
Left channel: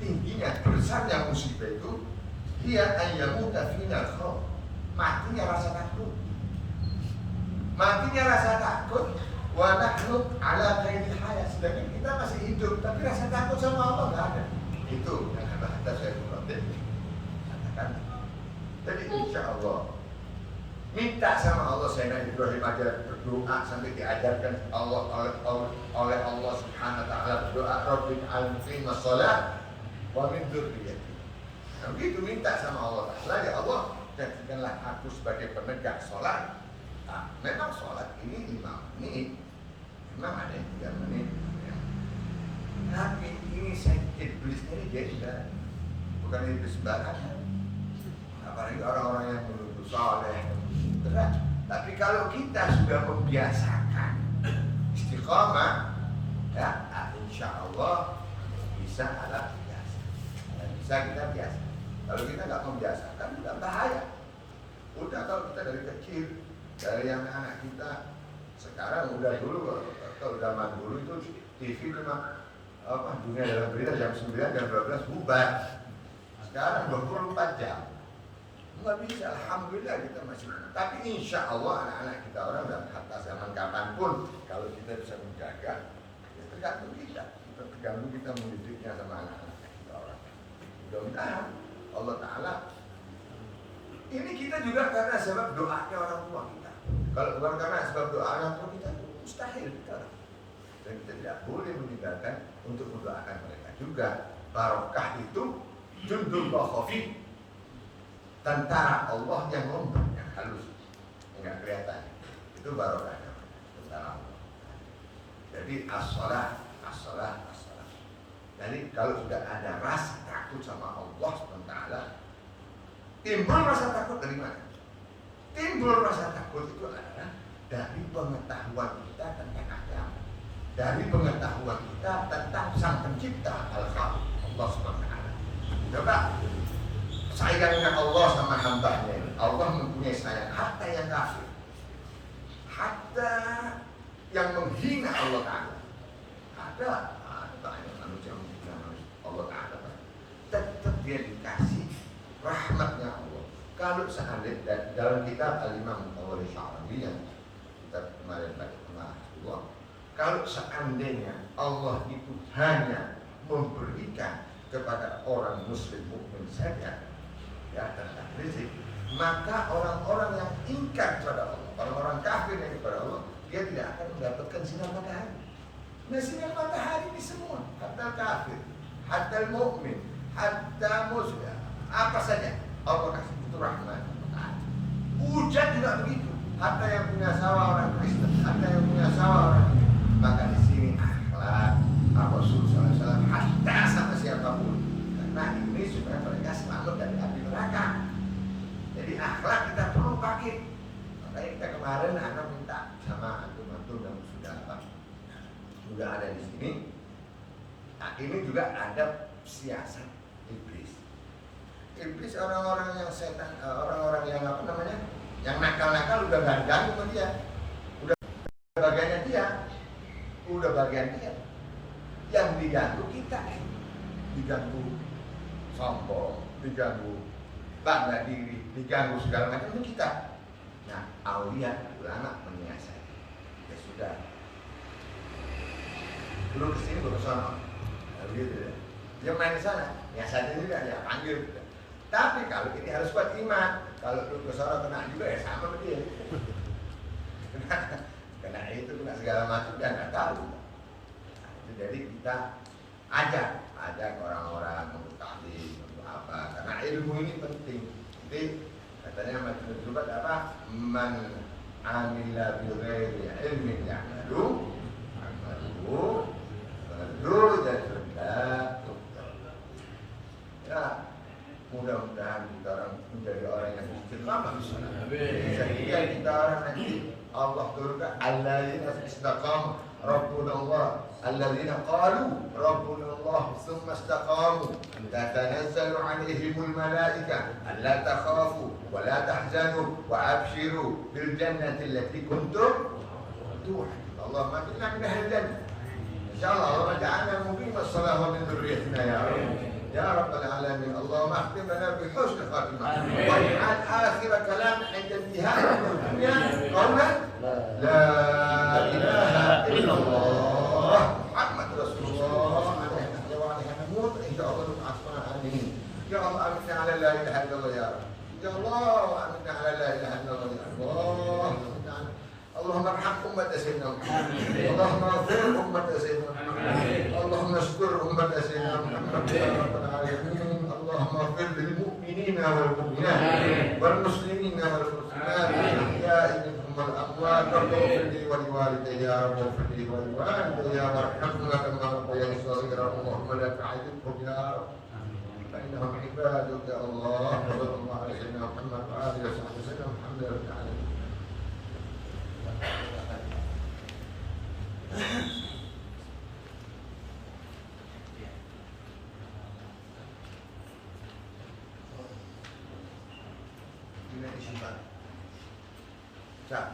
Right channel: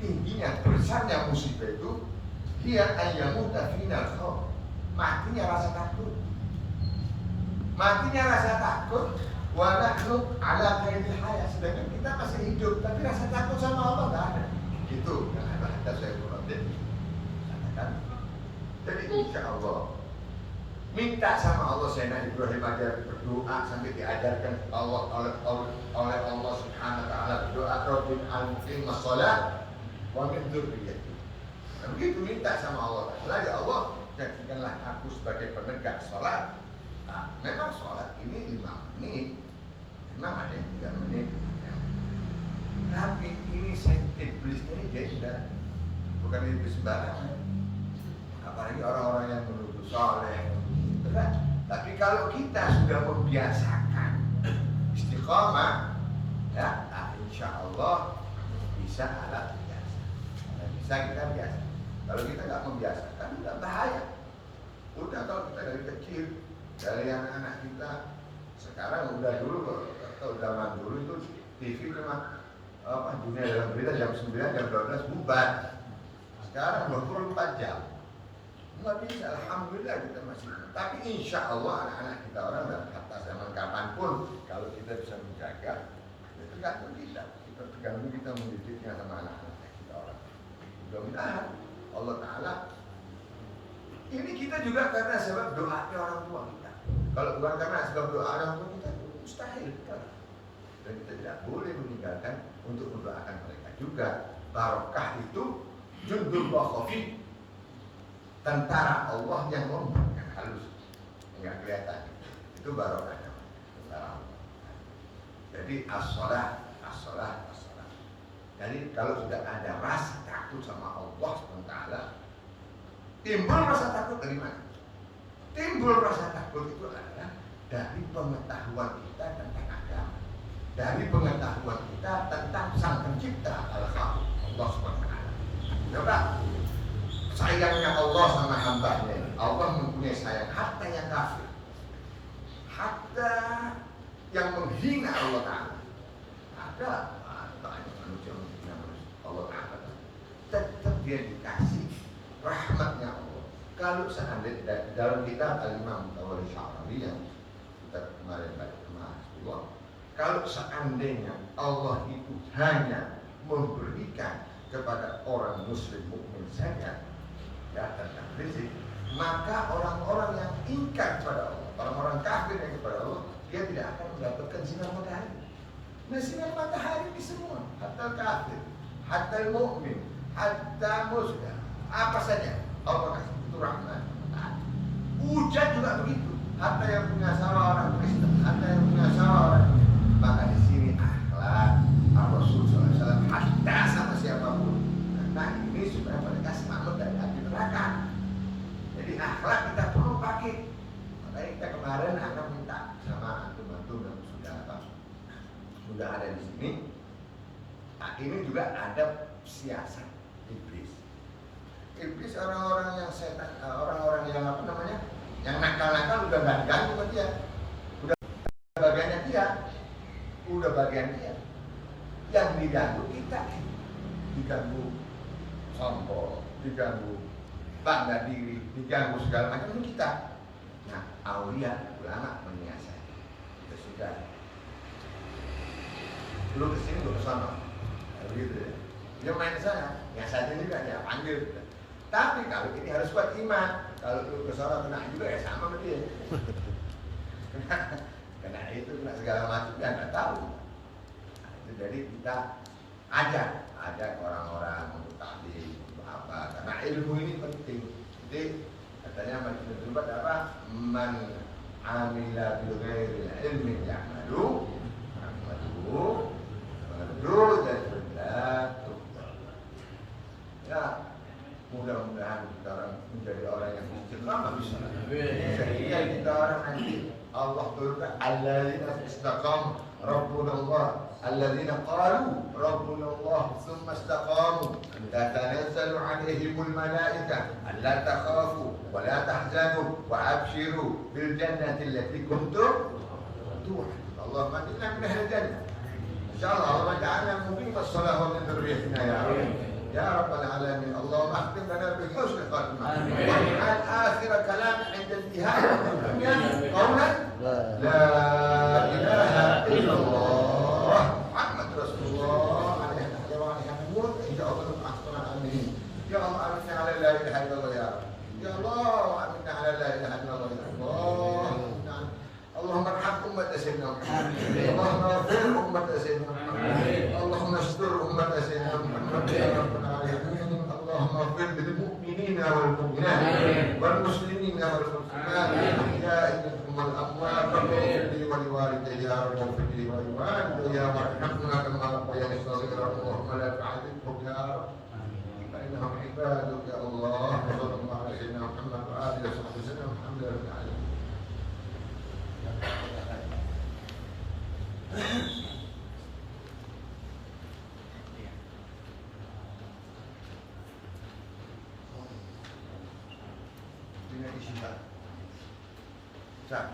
tingginya, besarnya musibah itu dia ayyamuta final khauf, matinya rasa takut. Matinya rasa takut, wa nahnu ala qaidil hayat, sedangkan kita masih hidup tapi rasa takut sama Allah enggak ada. Itu yang kata saya Rabbin katakan. Jadi insyaallah minta sama Allah. Sayyidina Ibrahim aja berdoa sampai diajarkan Allah oleh Allah Subhanahu wa taala berdoa Rabbil alqim shalah wa min dzurriyyati. Nah, begitu minta sama Allah. Ya Allah, jadikanlah aku sebagai penegak sholat. Nah, memang sholat ini 5 menit, memang ada yang 3 menit. Tapi ini iblis ini dia sudah bukan iblis sembarangan. Apalagi orang-orang yang menuduh soleh, berat. Tapi kalau kita sudah membiasakan istiqamah, ya, insya Allah bisa alat biasa. Bisa kita biasa. Kalau kita nggak membiasakan, nggak bahaya. Udah kalau kita dari kecil, dari anak-anak kita, sekarang udah dulu, kalau zaman dulu itu TV memang dunia dalam berita jam 9, jam 12 bubar. Sekarang 24 jam. Nggak bisa, alhamdulillah kita masih. Tapi insya Allah anak-anak kita orang dalam kata zaman kapanpun, kalau kita bisa menjaga, ya tergantung kita. Tergantung kita mendidiknya sama anak-anak kita orang. Mudah-mudahan Allah Ta'ala ini kita juga karena sebab doanya orang tua kita. Kalau bukan karena sebab doa orang tua kita, mustahil kita. Dan kita tidak boleh meninggalkan untuk mendoakan mereka juga. Barokah itu jundullah khafi, tentara Allah yang lembut, yang halus, enggak kelihatan. Itu barokahnya, tentara Allah. Jadi as-shalah. Jadi kalau sudah ada rasa takut sama Allah SWT, timbul rasa takut dari mana? Timbul rasa takut itu adalah dari pengetahuan kita tentang agama, dari pengetahuan kita tentang Sang Pencipta Al-Khaliq Allah SWT. Coba sayangnya Allah sama hambanya. Allah mempunyai sayang hatta yang kafir, hatta yang menghina Allah Ta'ala. Ada banyak manusia menghina Allah Ta'ala, tetap dia dikasih rahmatnya Allah. Kalau seandainya dalam kitab Al-Imam Tawari Sya'rawi yang kita kemarin baca sama Allah, kalau seandainya Allah itu hanya memberikan kepada orang muslim mukmin saja ya tentang rezeki, maka orang-orang yang ingkar kepada Allah, orang-orang kafir yang kepada Allah, dia tidak akan mendapatkan sinar matahari. Nah, sinar matahari ini semua, hatta kafir, hatta mukmin, hatta muslim, apa saja Allah kasih itu rahmat. Hujan juga begitu, hatta yang punya sawah orang Kristen, hatta yang punya sawah orang ini. Maka di sini akhlak Rasul SAW hatta sama siapapun, karena ini supaya mereka selamat dari api neraka. Jadi akhlak kita perlu pakai. Makanya kita kemarin akan minta sama antum-antum yang sudah ada di sini. Nah, ini juga ada siasat iblis. Iblis orang-orang yang setan, orang-orang yang apa namanya, yang nakal-nakal udah nggak diganggu sama dia, udah bagiannya dia, udah bagian dia. Yang diganggu kita, diganggu sombong, diganggu bangga diri, diganggu segala macam ini kita. Nah, aulia ulama menyiasati. Ya sudah. Lu kesini gue kesana. Gitu ya. Dia main ke sana, ya saja juga dia panggil. Tapi kalau ini harus kuat iman. Kalau lu ke sana kena juga ya sama sama dia. kena itu kena segala macam dia nggak tahu. Nah, itu jadi kita ajak orang-orang untuk taklim untuk apa? Karena ilmu ini penting. Jadi katanya Majnun Zubat apa? Man amila bi ghairi ilmin ya'malu amalu darajatun la tukar. Ya, mudah-mudahan kita orang menjadi orang yang istiqamah bisa. Sehingga kita orang nanti Allah turunkan alladzina istaqamu rabbuna Allah alladzina qalu rabbuna Allah thumma istaqamu tatanazzalu alaihimul malaika alla takhafu wa la tahzanu wa abshiru bil jannati allati kuntum tu'adun. Allahumma inna min ahli jannah. Insyaallah Allah ja'alna muqimas shalah wa min dhurriyyatina ya Rabb. يا رب العالمين اللهم اختم لنا بحسن خاتمه واجعل اخر كلام عند انتهاء الدنيا قولا لا اله الا الله محمد رسول الله عليه وعليه نموت ان شاء الله تعالى امين يا الله امنا على لا اله الا الله يا رب يا الله امنا على لا اله الا الله يا الله اللهم ارحم أمة سيدنا محمد اللهم اغفر أمة سيدنا محمد اللهم اشكر أمة سيدنا محمد يا رب العالمين اللهم اغفر للمؤمنين والمؤمنات والمسلمين والمسلمات الأحياء منهم والأموات واغفر لي ولوالدي يا رب واغفر لي ولوالدي يا وارحمنا كما ربياني صغيرا اللهم لا تعذبهم يا رب فإنهم عبادك يا الله وصلى الله على سيدنا محمد وآله وصحبه وسلم الحمد لله رب العالمين. Ini isi Pak. Siap.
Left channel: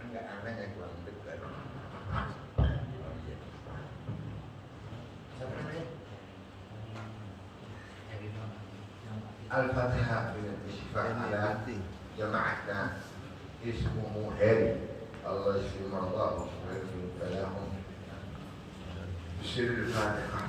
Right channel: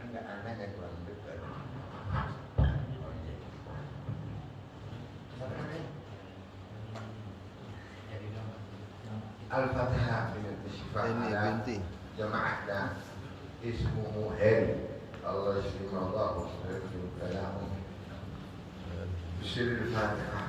Enggak anaknya kurang dekat. Siapa namanya? Al-Fatihah dengan istighfar ala jamaahnya ismuhu Heri Allah yashfi mardah wa yashfi kalahum bisiril Fatihah.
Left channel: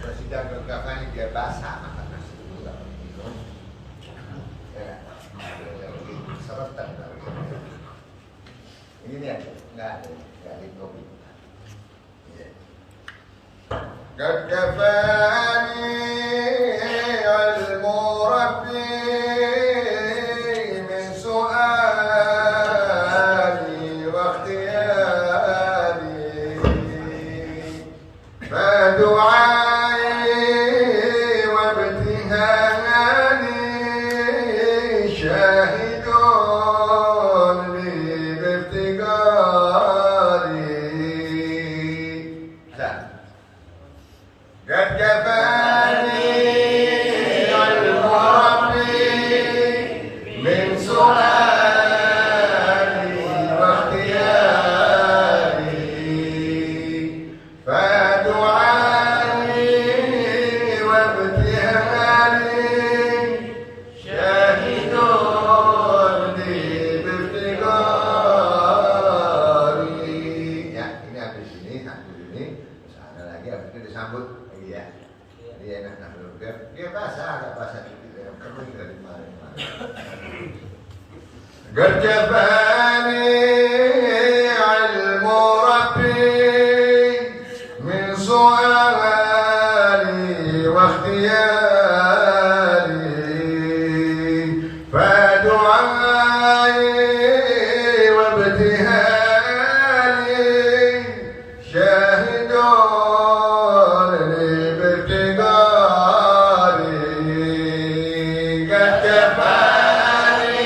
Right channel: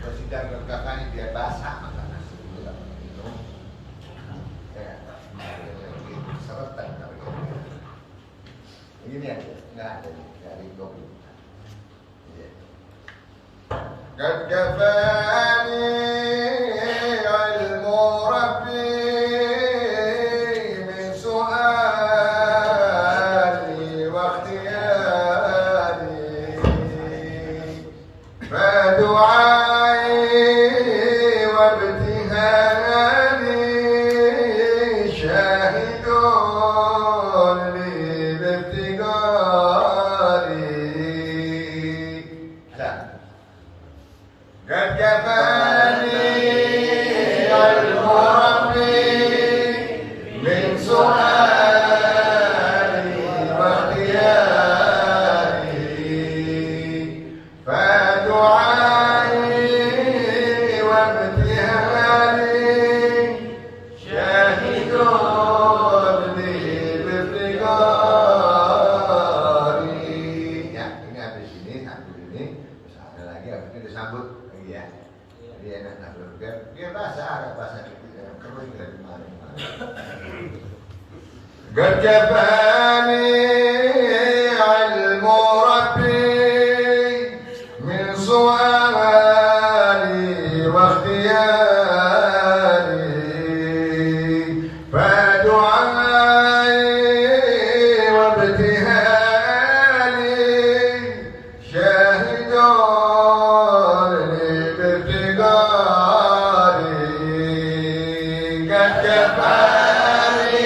Bersidang kekafannya biar basah makan nasi dulu nggak minum ya seretan ini ya nggak ada dari kopi qad kafani ilmu rabbi min su'ali wa ikhtiyari fadu'a قد كفاني علم ربي من سؤالي واختياري فدعائي وابتهالي شاهد لي بافتقاري قد كفاني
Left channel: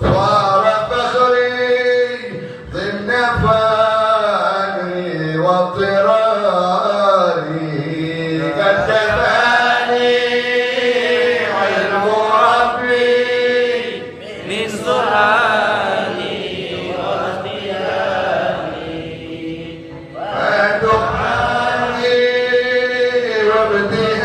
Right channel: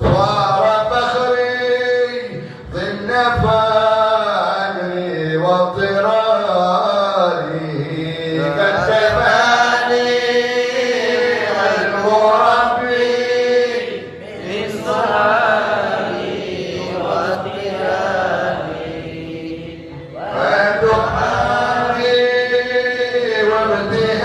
صار فخري ضمن فقري واضطراري قد كفاني علم ربي من سؤالي واختياري ودعائي وابتهالي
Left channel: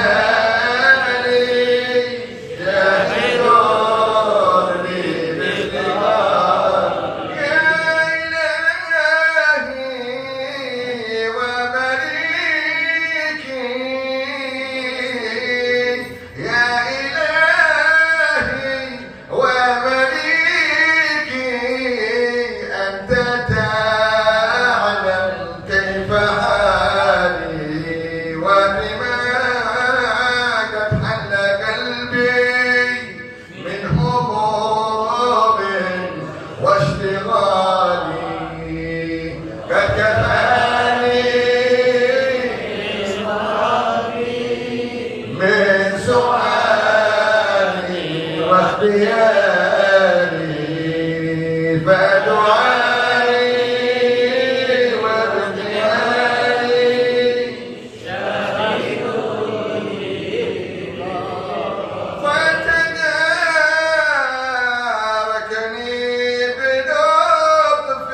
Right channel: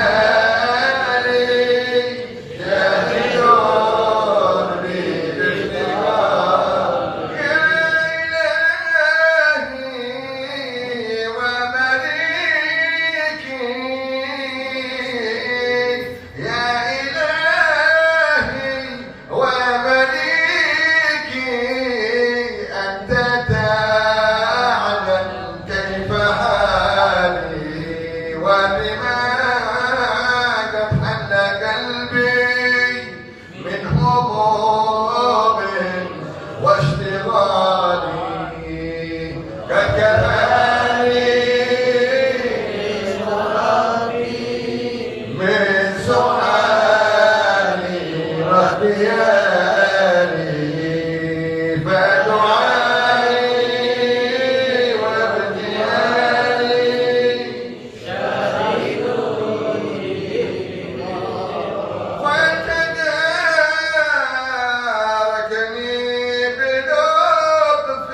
جاهدون بي بافتقار يا إلهي ومليكي يا إلهي ومليكي أنت تعلم كيف حالي وبما قد حل قلبي من هموم واشتغالي قد كفاني من سؤالي واختياري فدعائي وابتهالي فتداركني بلطف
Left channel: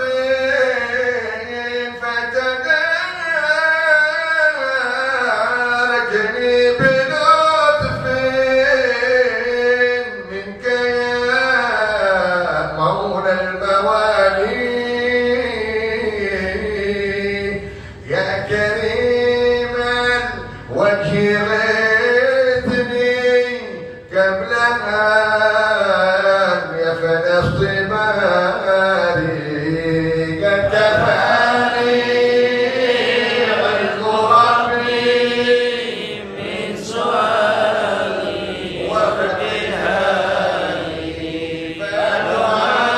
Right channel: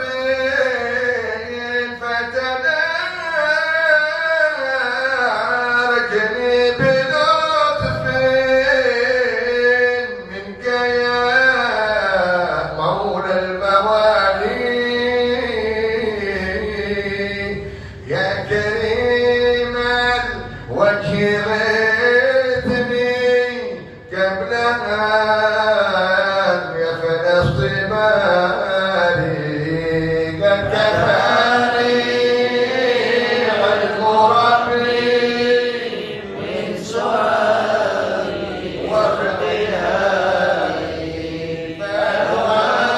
فتداركني بلطف منك يا مولى الموالي يا كريم الوجه غثني قبل أن يفنى اصطباري قد كفاني علم ربي من سؤالي وابتهالي فدعائي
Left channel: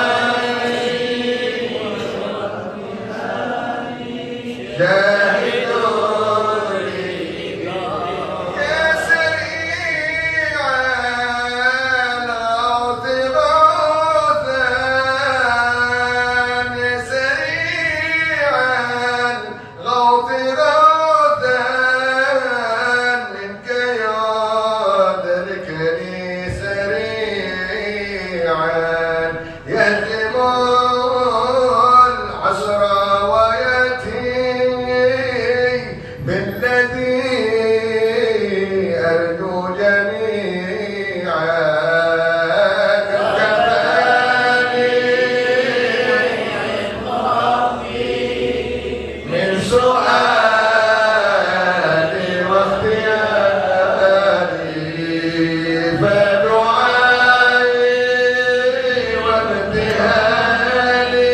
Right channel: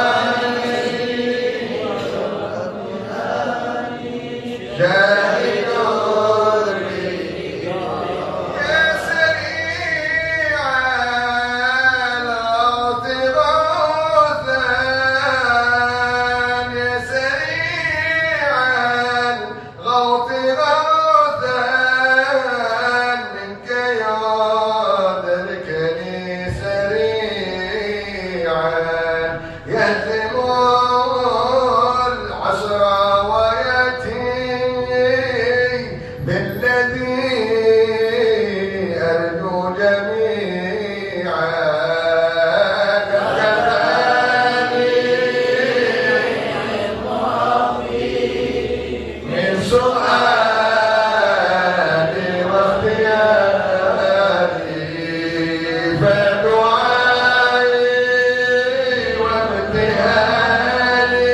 جاهدون بي يا سريع العرض غوثا يا سريع الغوث غوثا منك يدركني سريعا يهزم العصر ويأتي بالذي أرجو جميعا قد كفاني من سؤالي واختياري فدعائي وابتهالي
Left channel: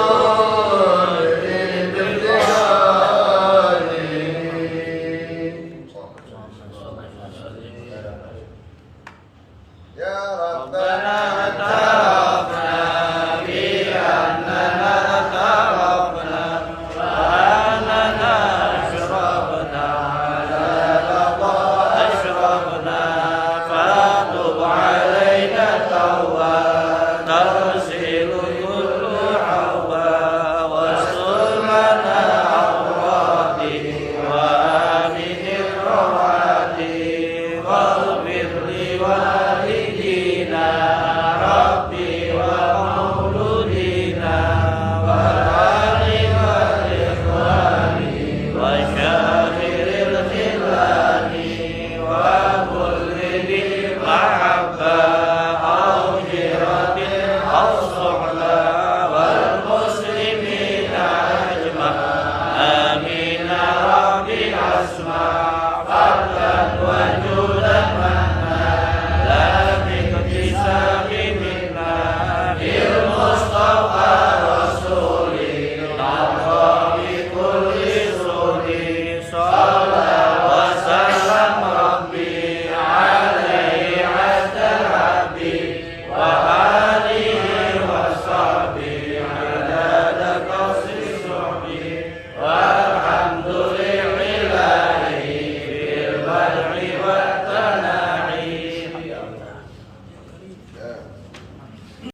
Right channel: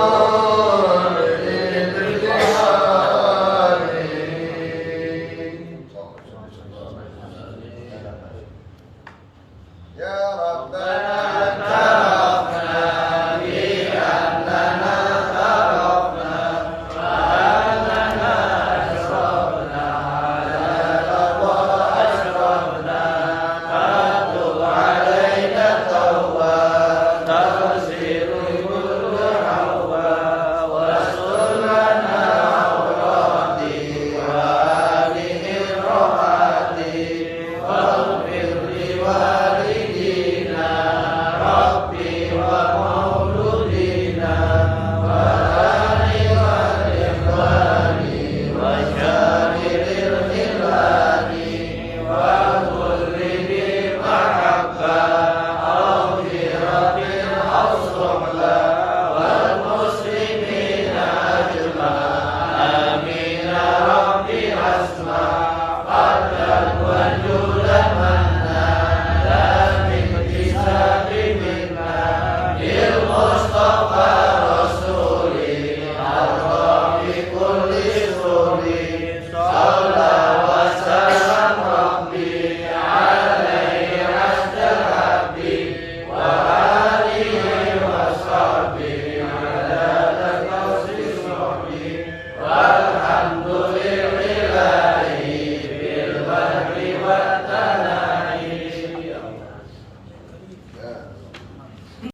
شاهدون بي بافتقاري يا ربنا